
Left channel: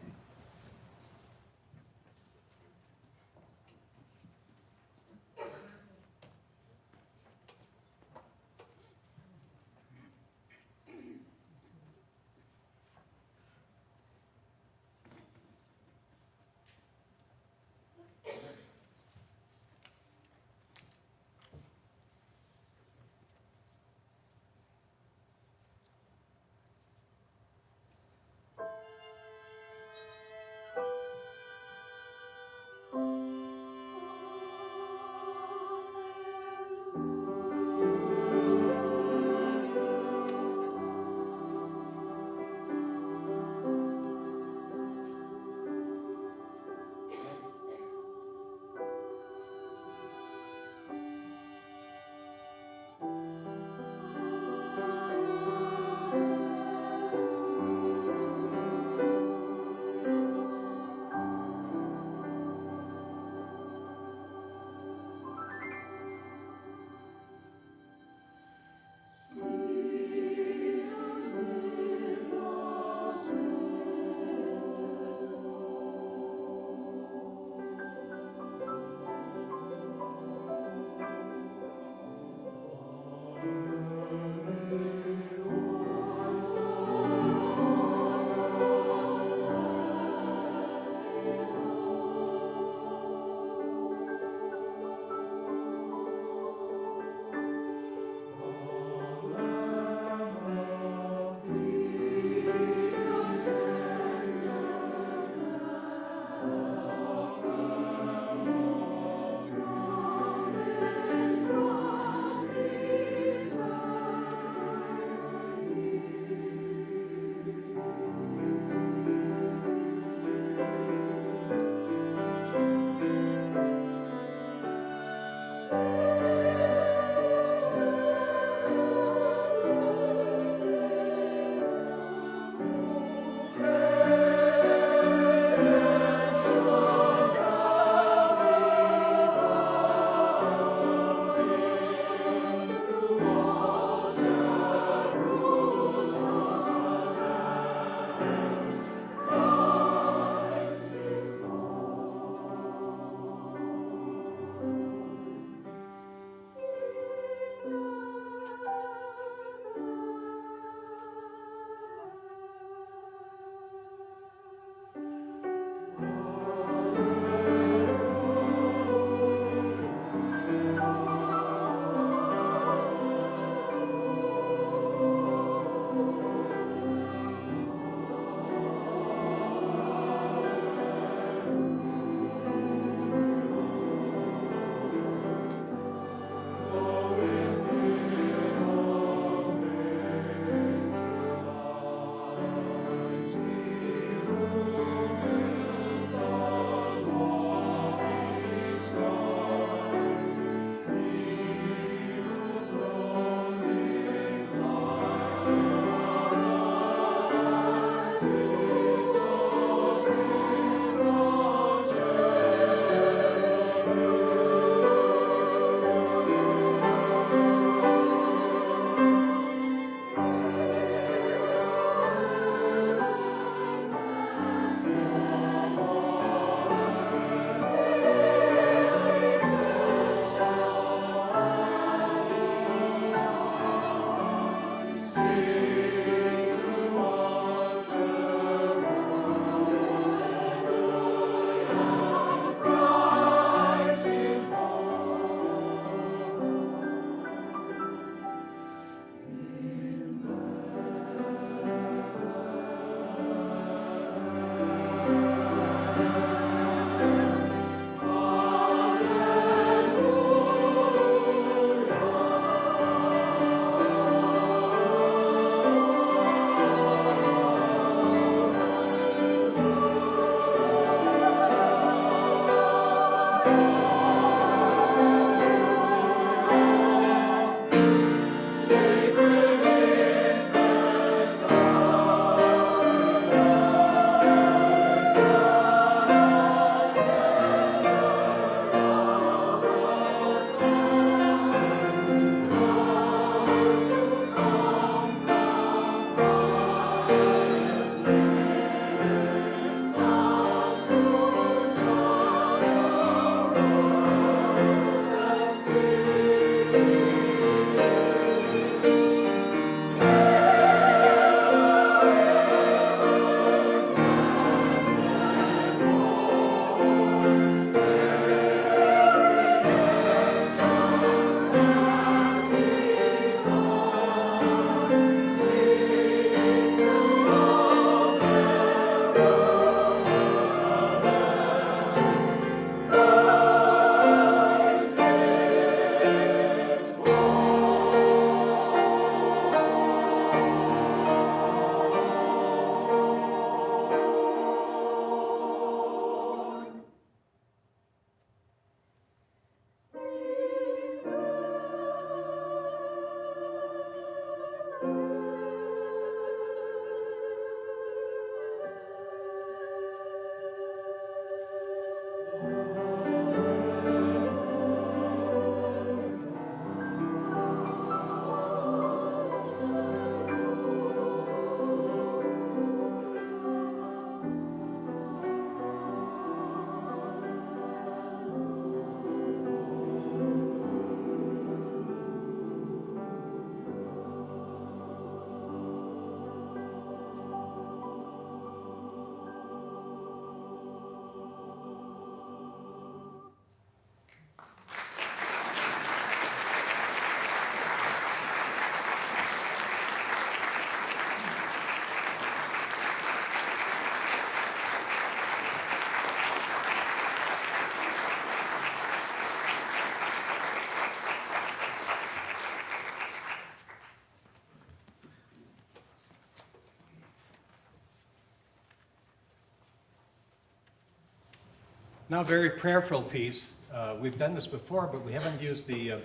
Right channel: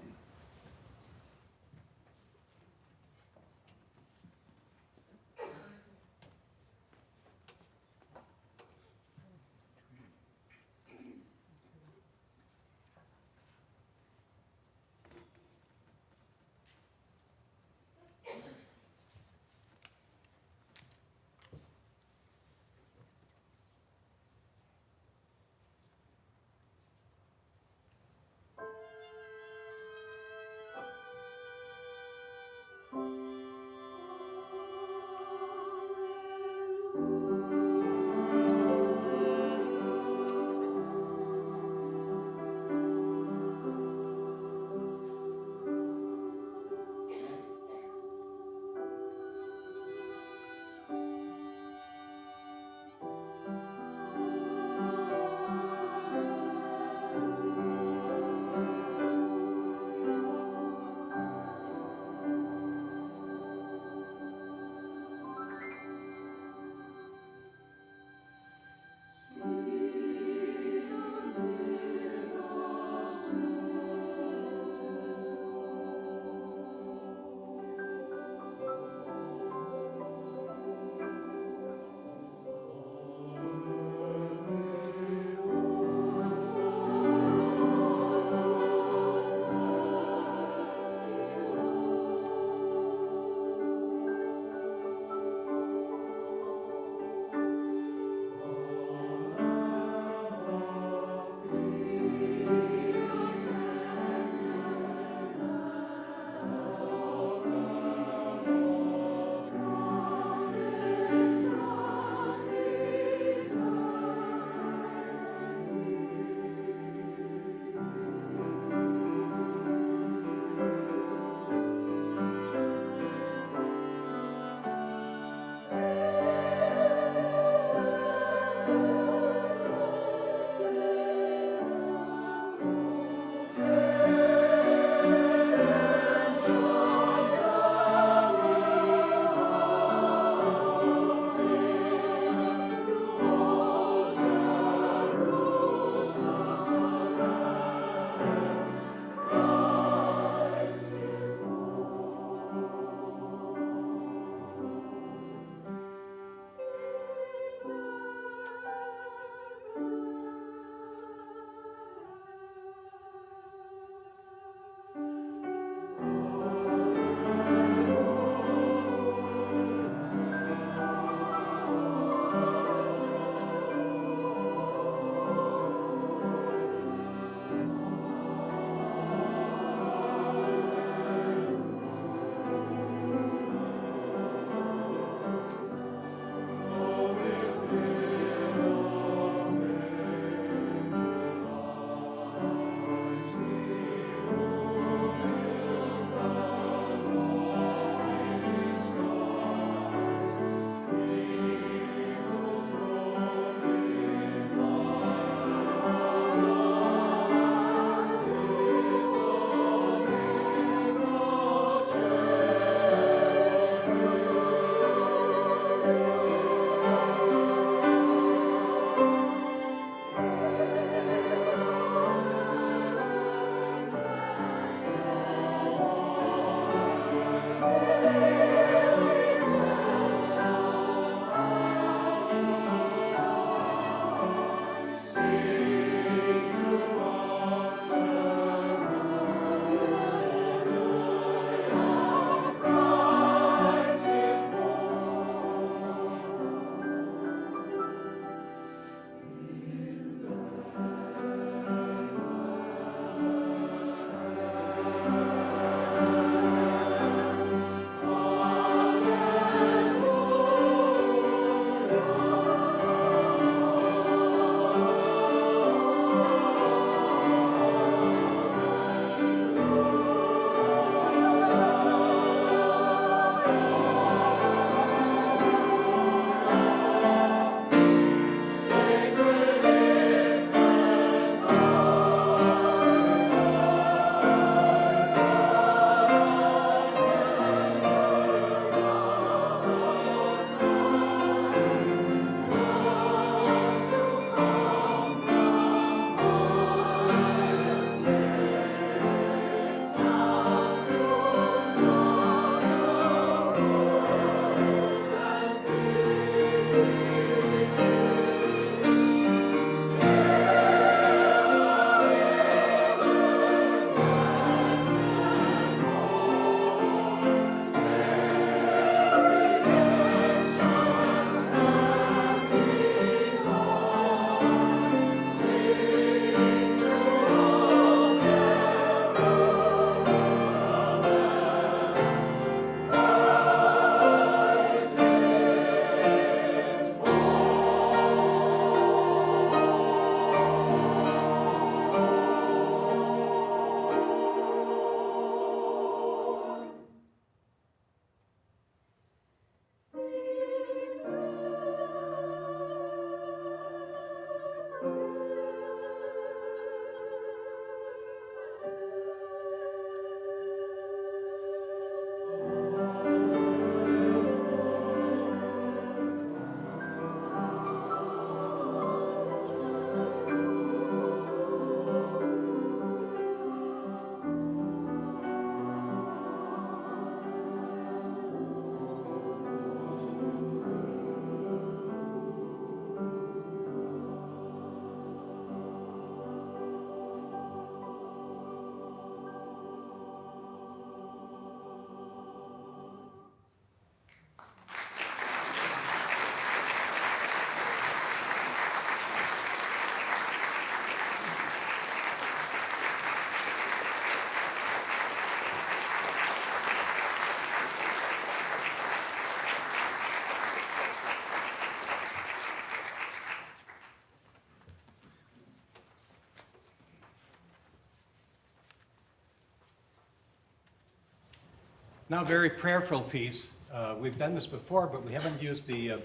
Now, a very prayerful piece. We've done this before, but we haven't used the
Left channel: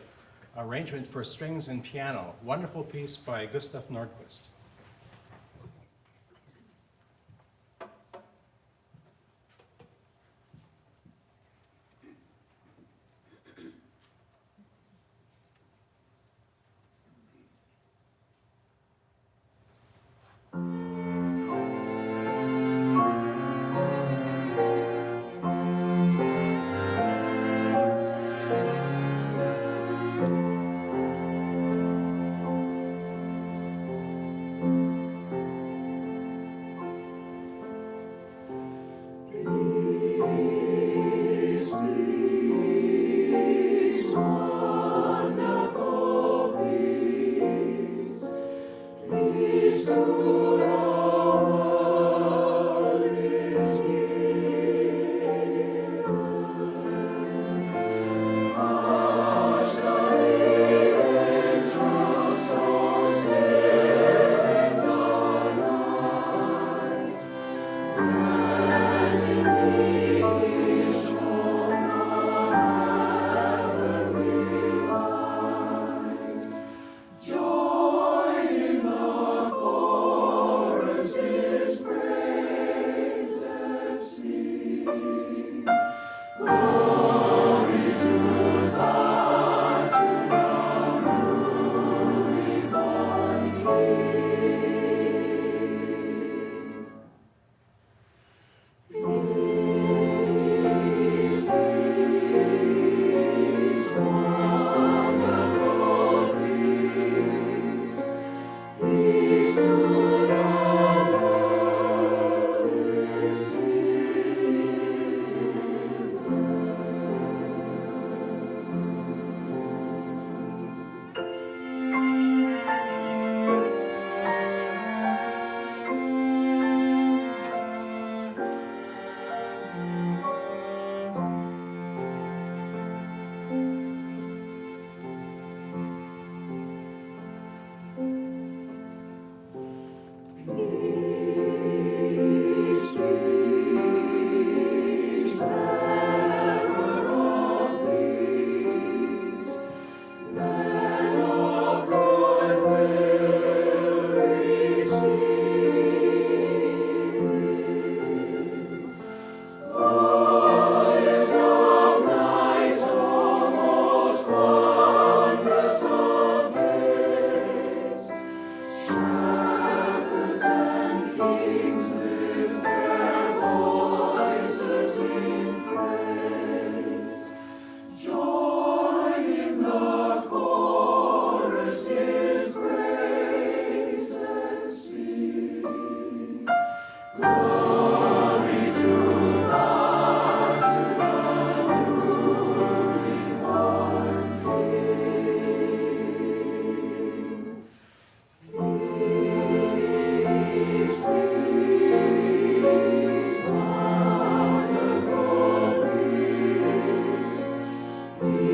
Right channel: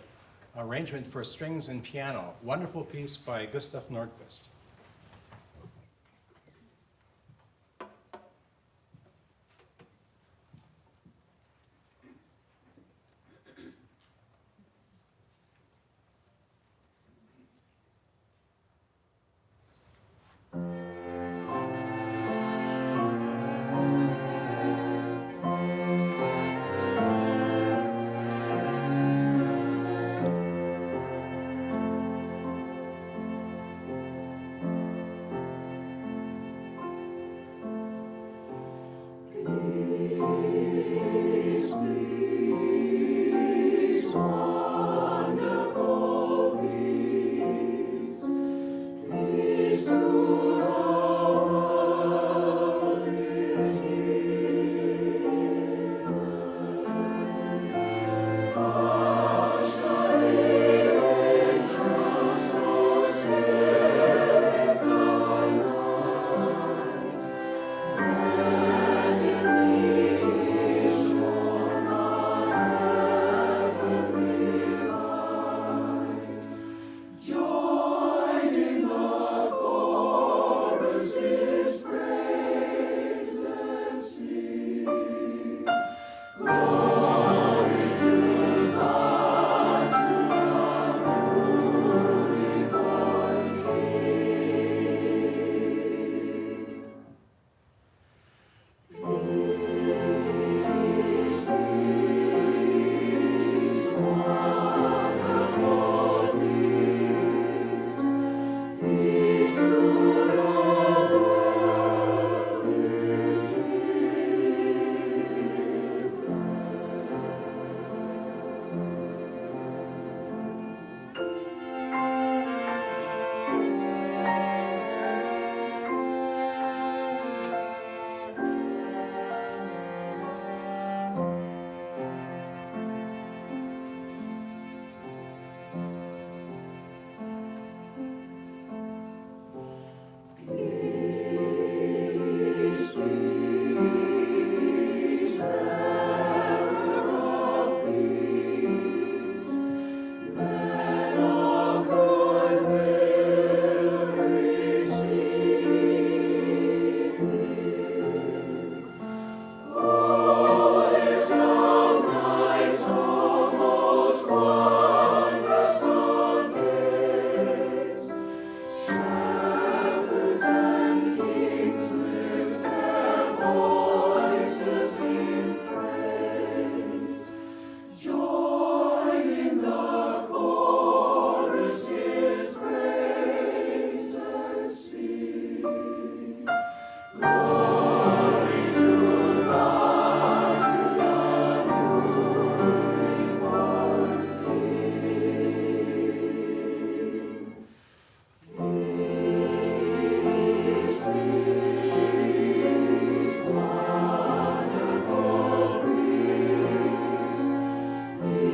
arrangement for strings and piano. Wonderful piece by Gustav Nordquist.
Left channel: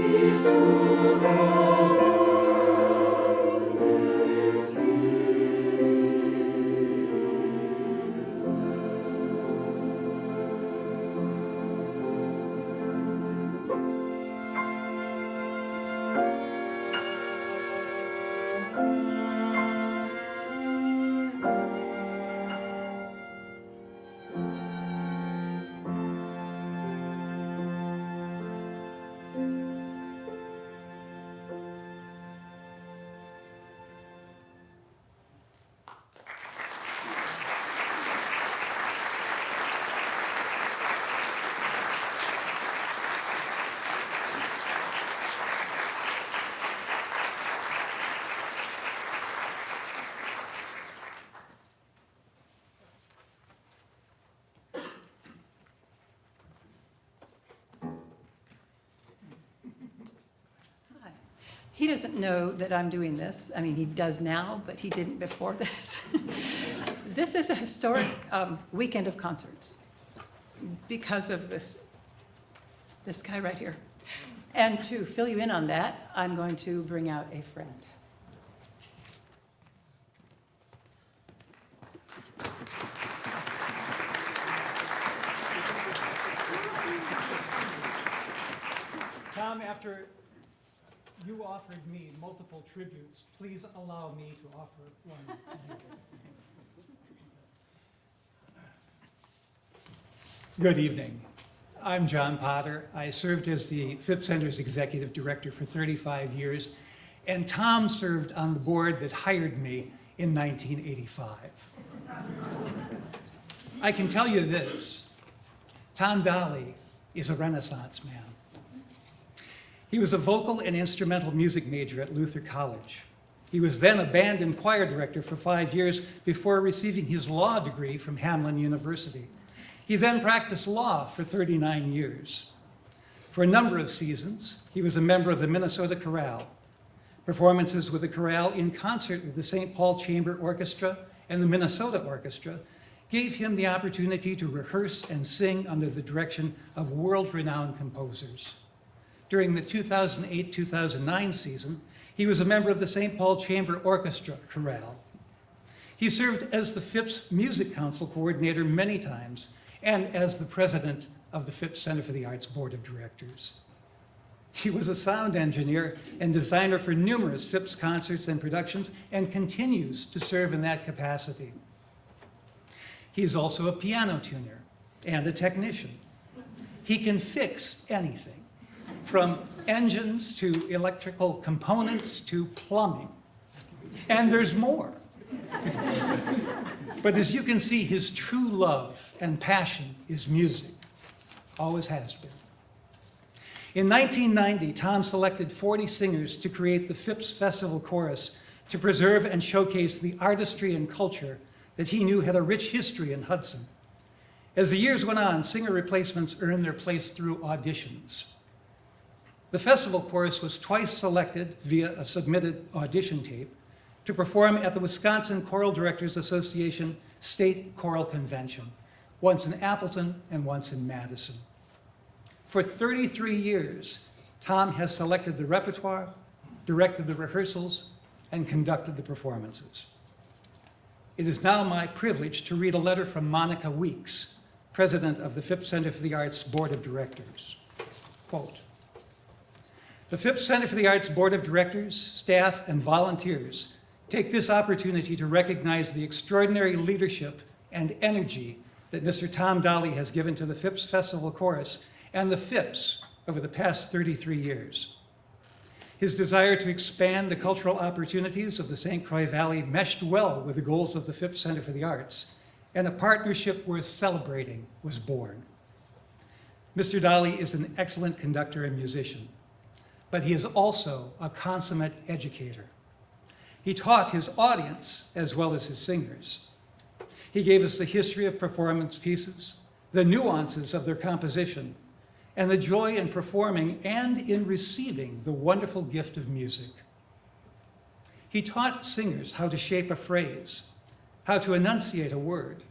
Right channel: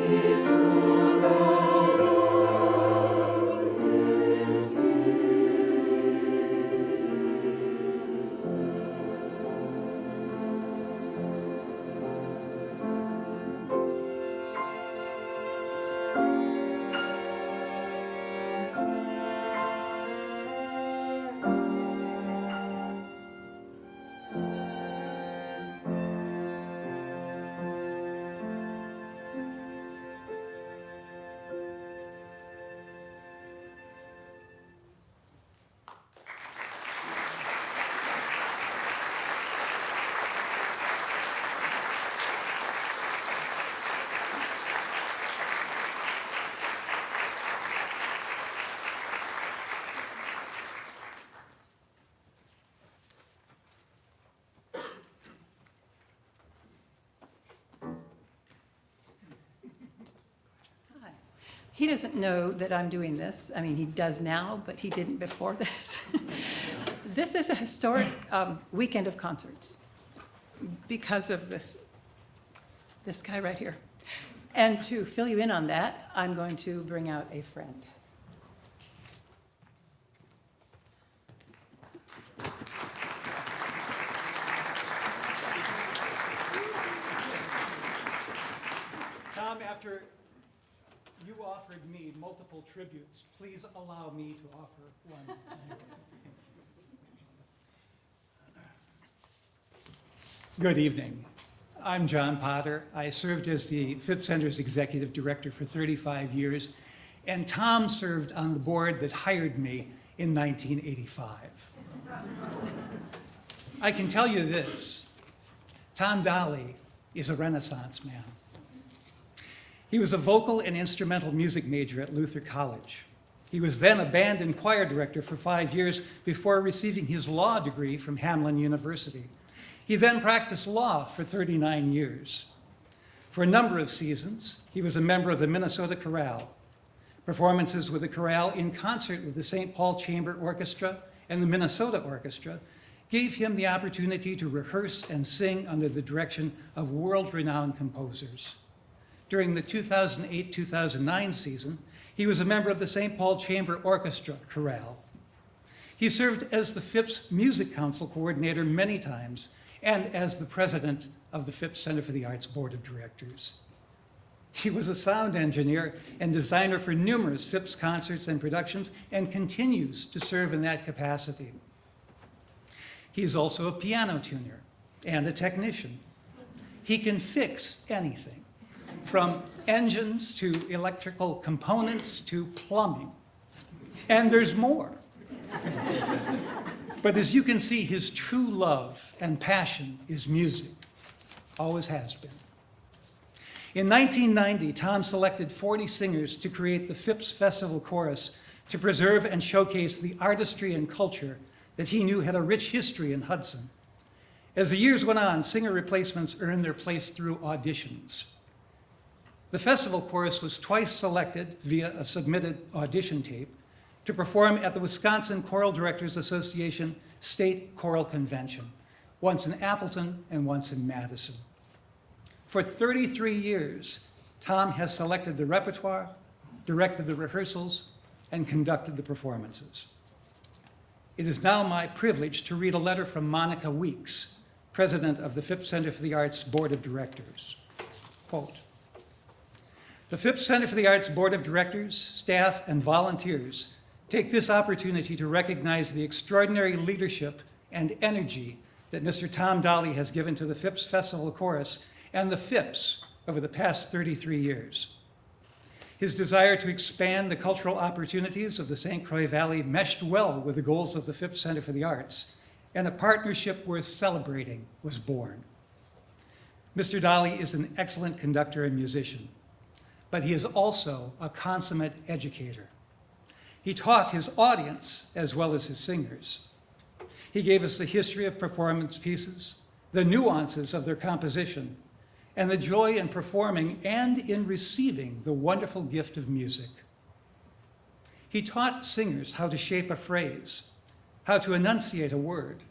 peace through the world is Hi. He doesn't know that I'm doing this. I mean, he does now, but he didn't before this. This is a historic weekend of concerts because of this guy right here. And to fill you in on that, I'm going to bring out a friend. Tom, after you offered me multiple tributes, please allow me to offer one to you. Good evening. I'm John Potter. I served as the Phipps Center's executive director for 35 years, and Tom served on the board that hired me in 1985. I can tell you this, Tom Dolly is a Renaissance man. He was a vocal and instrumental music major at Luther College. He was then a band and choir director for 5 years before receiving his law degree from Hamline University. He then practiced law for 39 years. For a number of seasons, he was a member of the Minnesota Chorale. Performances with the chorale in concert with the St. Paul Chamber Orchestra and the Minnesota Orchestra gave him the opportunity to rehearse and sing under the direction of world-renowned composers. During the 2008-2009 season, he was a member of the St. Paul Chamber Orchestra Chorale. He served as the Phipps Music Council coordinator many times and as the president of the Phipps Center for the Arts Board of Directors. He was a sound engineer and designer for numerous Phipps concerts and productions and continues to serve in that capacity. He is also a piano tuner and a technician. He can fix anything, from engines to electrical components to plumbing. And there's more. But as you can see, his true love and passion is music, always has been. In 1990, Tom selected 40 singers to create the Phipps Festival Chorus to preserve and showcase the artistry and culture that he knew had a rich history in Hudson. As the years went on, singer replacements earned their place through auditions. The festival chorus was twice selected via a submitted audition tape to perform at the Wisconsin Choral Directors Association State Choral Convention, once in Appleton and once in Madison. For 33 years, Tom has selected the repertoire, directed the rehearsals, and conducted the performances. It is now my privilege to read a letter from Monica Weeks, president of the Phipps Center for the Arts Board of Directors. Quote, "The Phipps Center for the Arts Board of Directors, staff, and volunteers take this opportunity to recognize the extraordinary leadership and energy that Mr. Tom Dolly has given to the Phipps Festival Chorus and the Phipps over the past 33 years. His desire to expand the cultural opportunities of the St. Croix Valley meshed well with the goals of the Phipps Center for the Arts, and a partnership worth celebrating was born. Mr. Dolly is an excellent conductor and musician, but he is also a consummate educator. He taught his audience as well as his singers. He gave us the history of performance pieces, the nuances of their composition, and the joy in performing and in receiving the wonderful gift of music. He taught singers how to shape a phrase, how to enunciate a word,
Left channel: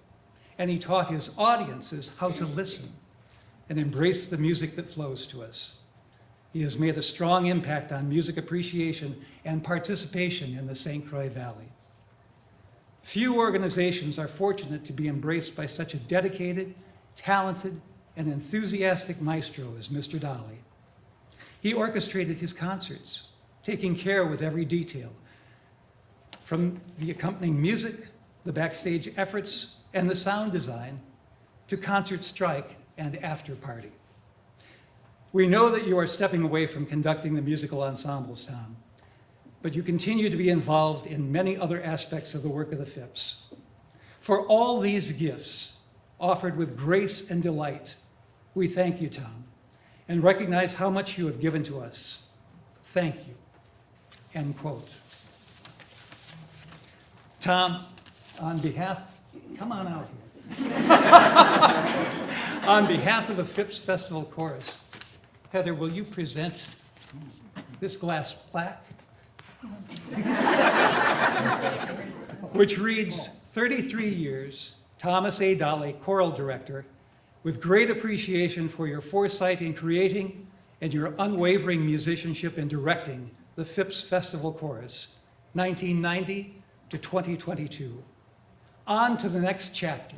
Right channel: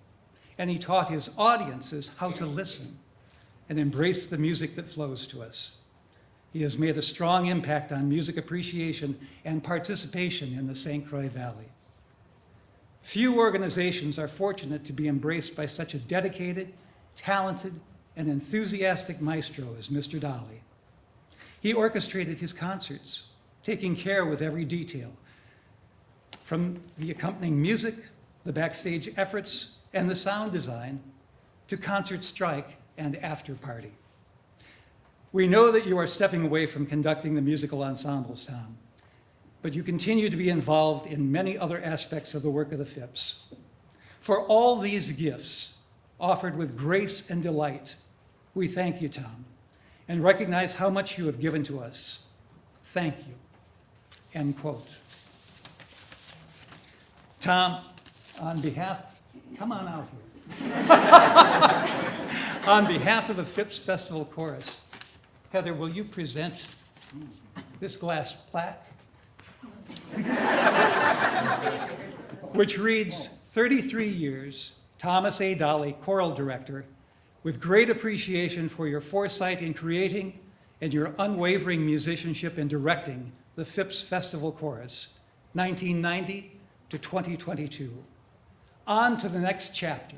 and he taught his audiences how to listen and embrace the music that flows to us. He has made a strong impact on music appreciation and participation in the St. Croix Valley. Few organizations are fortunate to be embraced by such a dedicated, talented, and enthusiastic maestro as Mr. Dolly. He orchestrated his concerts, taking care with every detail, from the accompanying music, the backstage efforts, and the sound design, to concert strike and after party. We know that you are stepping away from conducting the musical ensembles, Tom, but you continue to be involved in many other aspects of the work of the Phipps. For all these gifts, offered with grace and delight, we thank you, Tom, and recognize how much you have given to us. Thank you. End quote. Tom, on behalf, come on out here. On behalf of the Phipps Festival Chorus, Heather, will you present this glass plaque? Which reads, 33 years, Thomas A. Dolly, Choral Director, with great appreciation for your foresight in creating and your unwavering musicianship in directing the Phipps Festival Chorus, 1990 to 2022. On to the next chapter.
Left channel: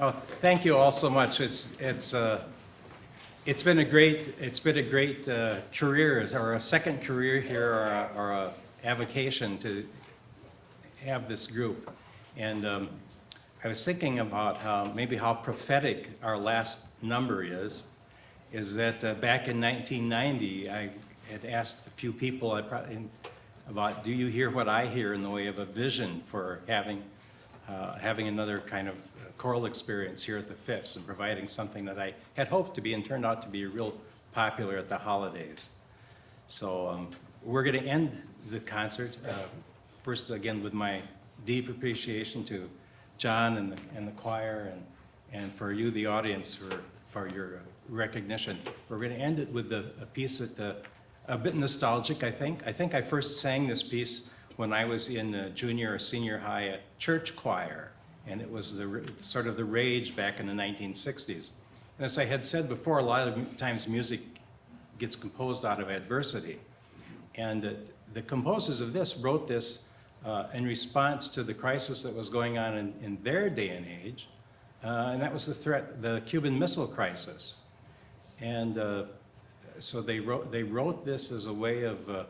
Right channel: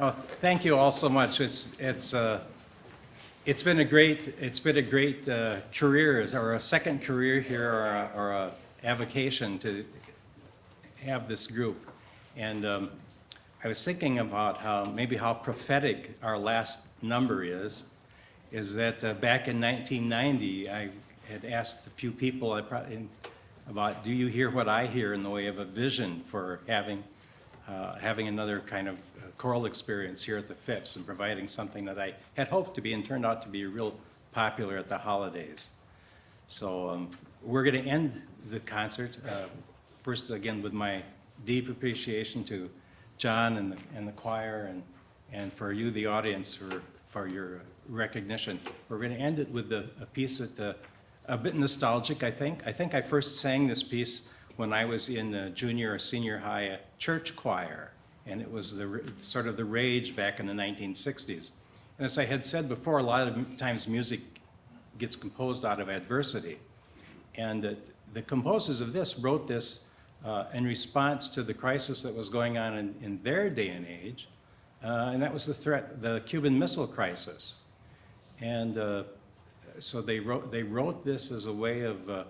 Oh, thank you all so much. It's been a great career, or a second career here, or a avocation to have this group. And I was thinking about how prophetic our last number is that back in 1990, I had asked a few people about, do you hear what I hear in the way of a vision for having another kind of choral experience here at the Phipps and providing something that I had hoped to be and turned out to be real popular at the holidays. So we're going to end the concert, first again with my deep appreciation to John and the choir and for you, the audience, for your recognition. We're going to end it with a piece that a bit nostalgic, I think. I think I first sang this piece when I was in junior or senior high church choir, and it was sort of the rage back in the 1960s. And as I had said before, a lot of times music gets composed out of adversity. And the composers of this wrote this in response to the crisis that was going on in their day and age, and that was the Cuban Missile Crisis. And so they wrote this as a way of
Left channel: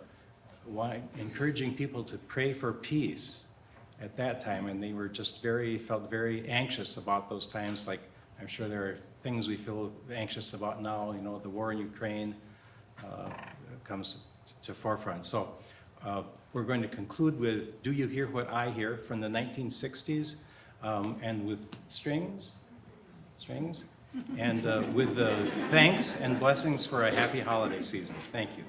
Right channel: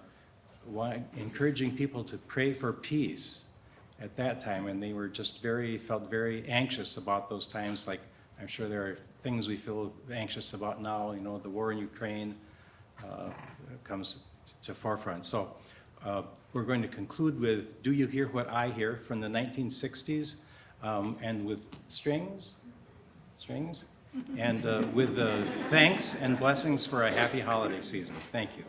encouraging people to pray for peace at that time, and they were just felt very anxious about those times. Like, I'm sure there are things we feel anxious about now. You know, the war in Ukraine comes to forefront. So we're going to conclude with "Do You Hear What I Hear" from the 1960s, and with strings, and with thanks and blessings for a happy holiday season. Thank you.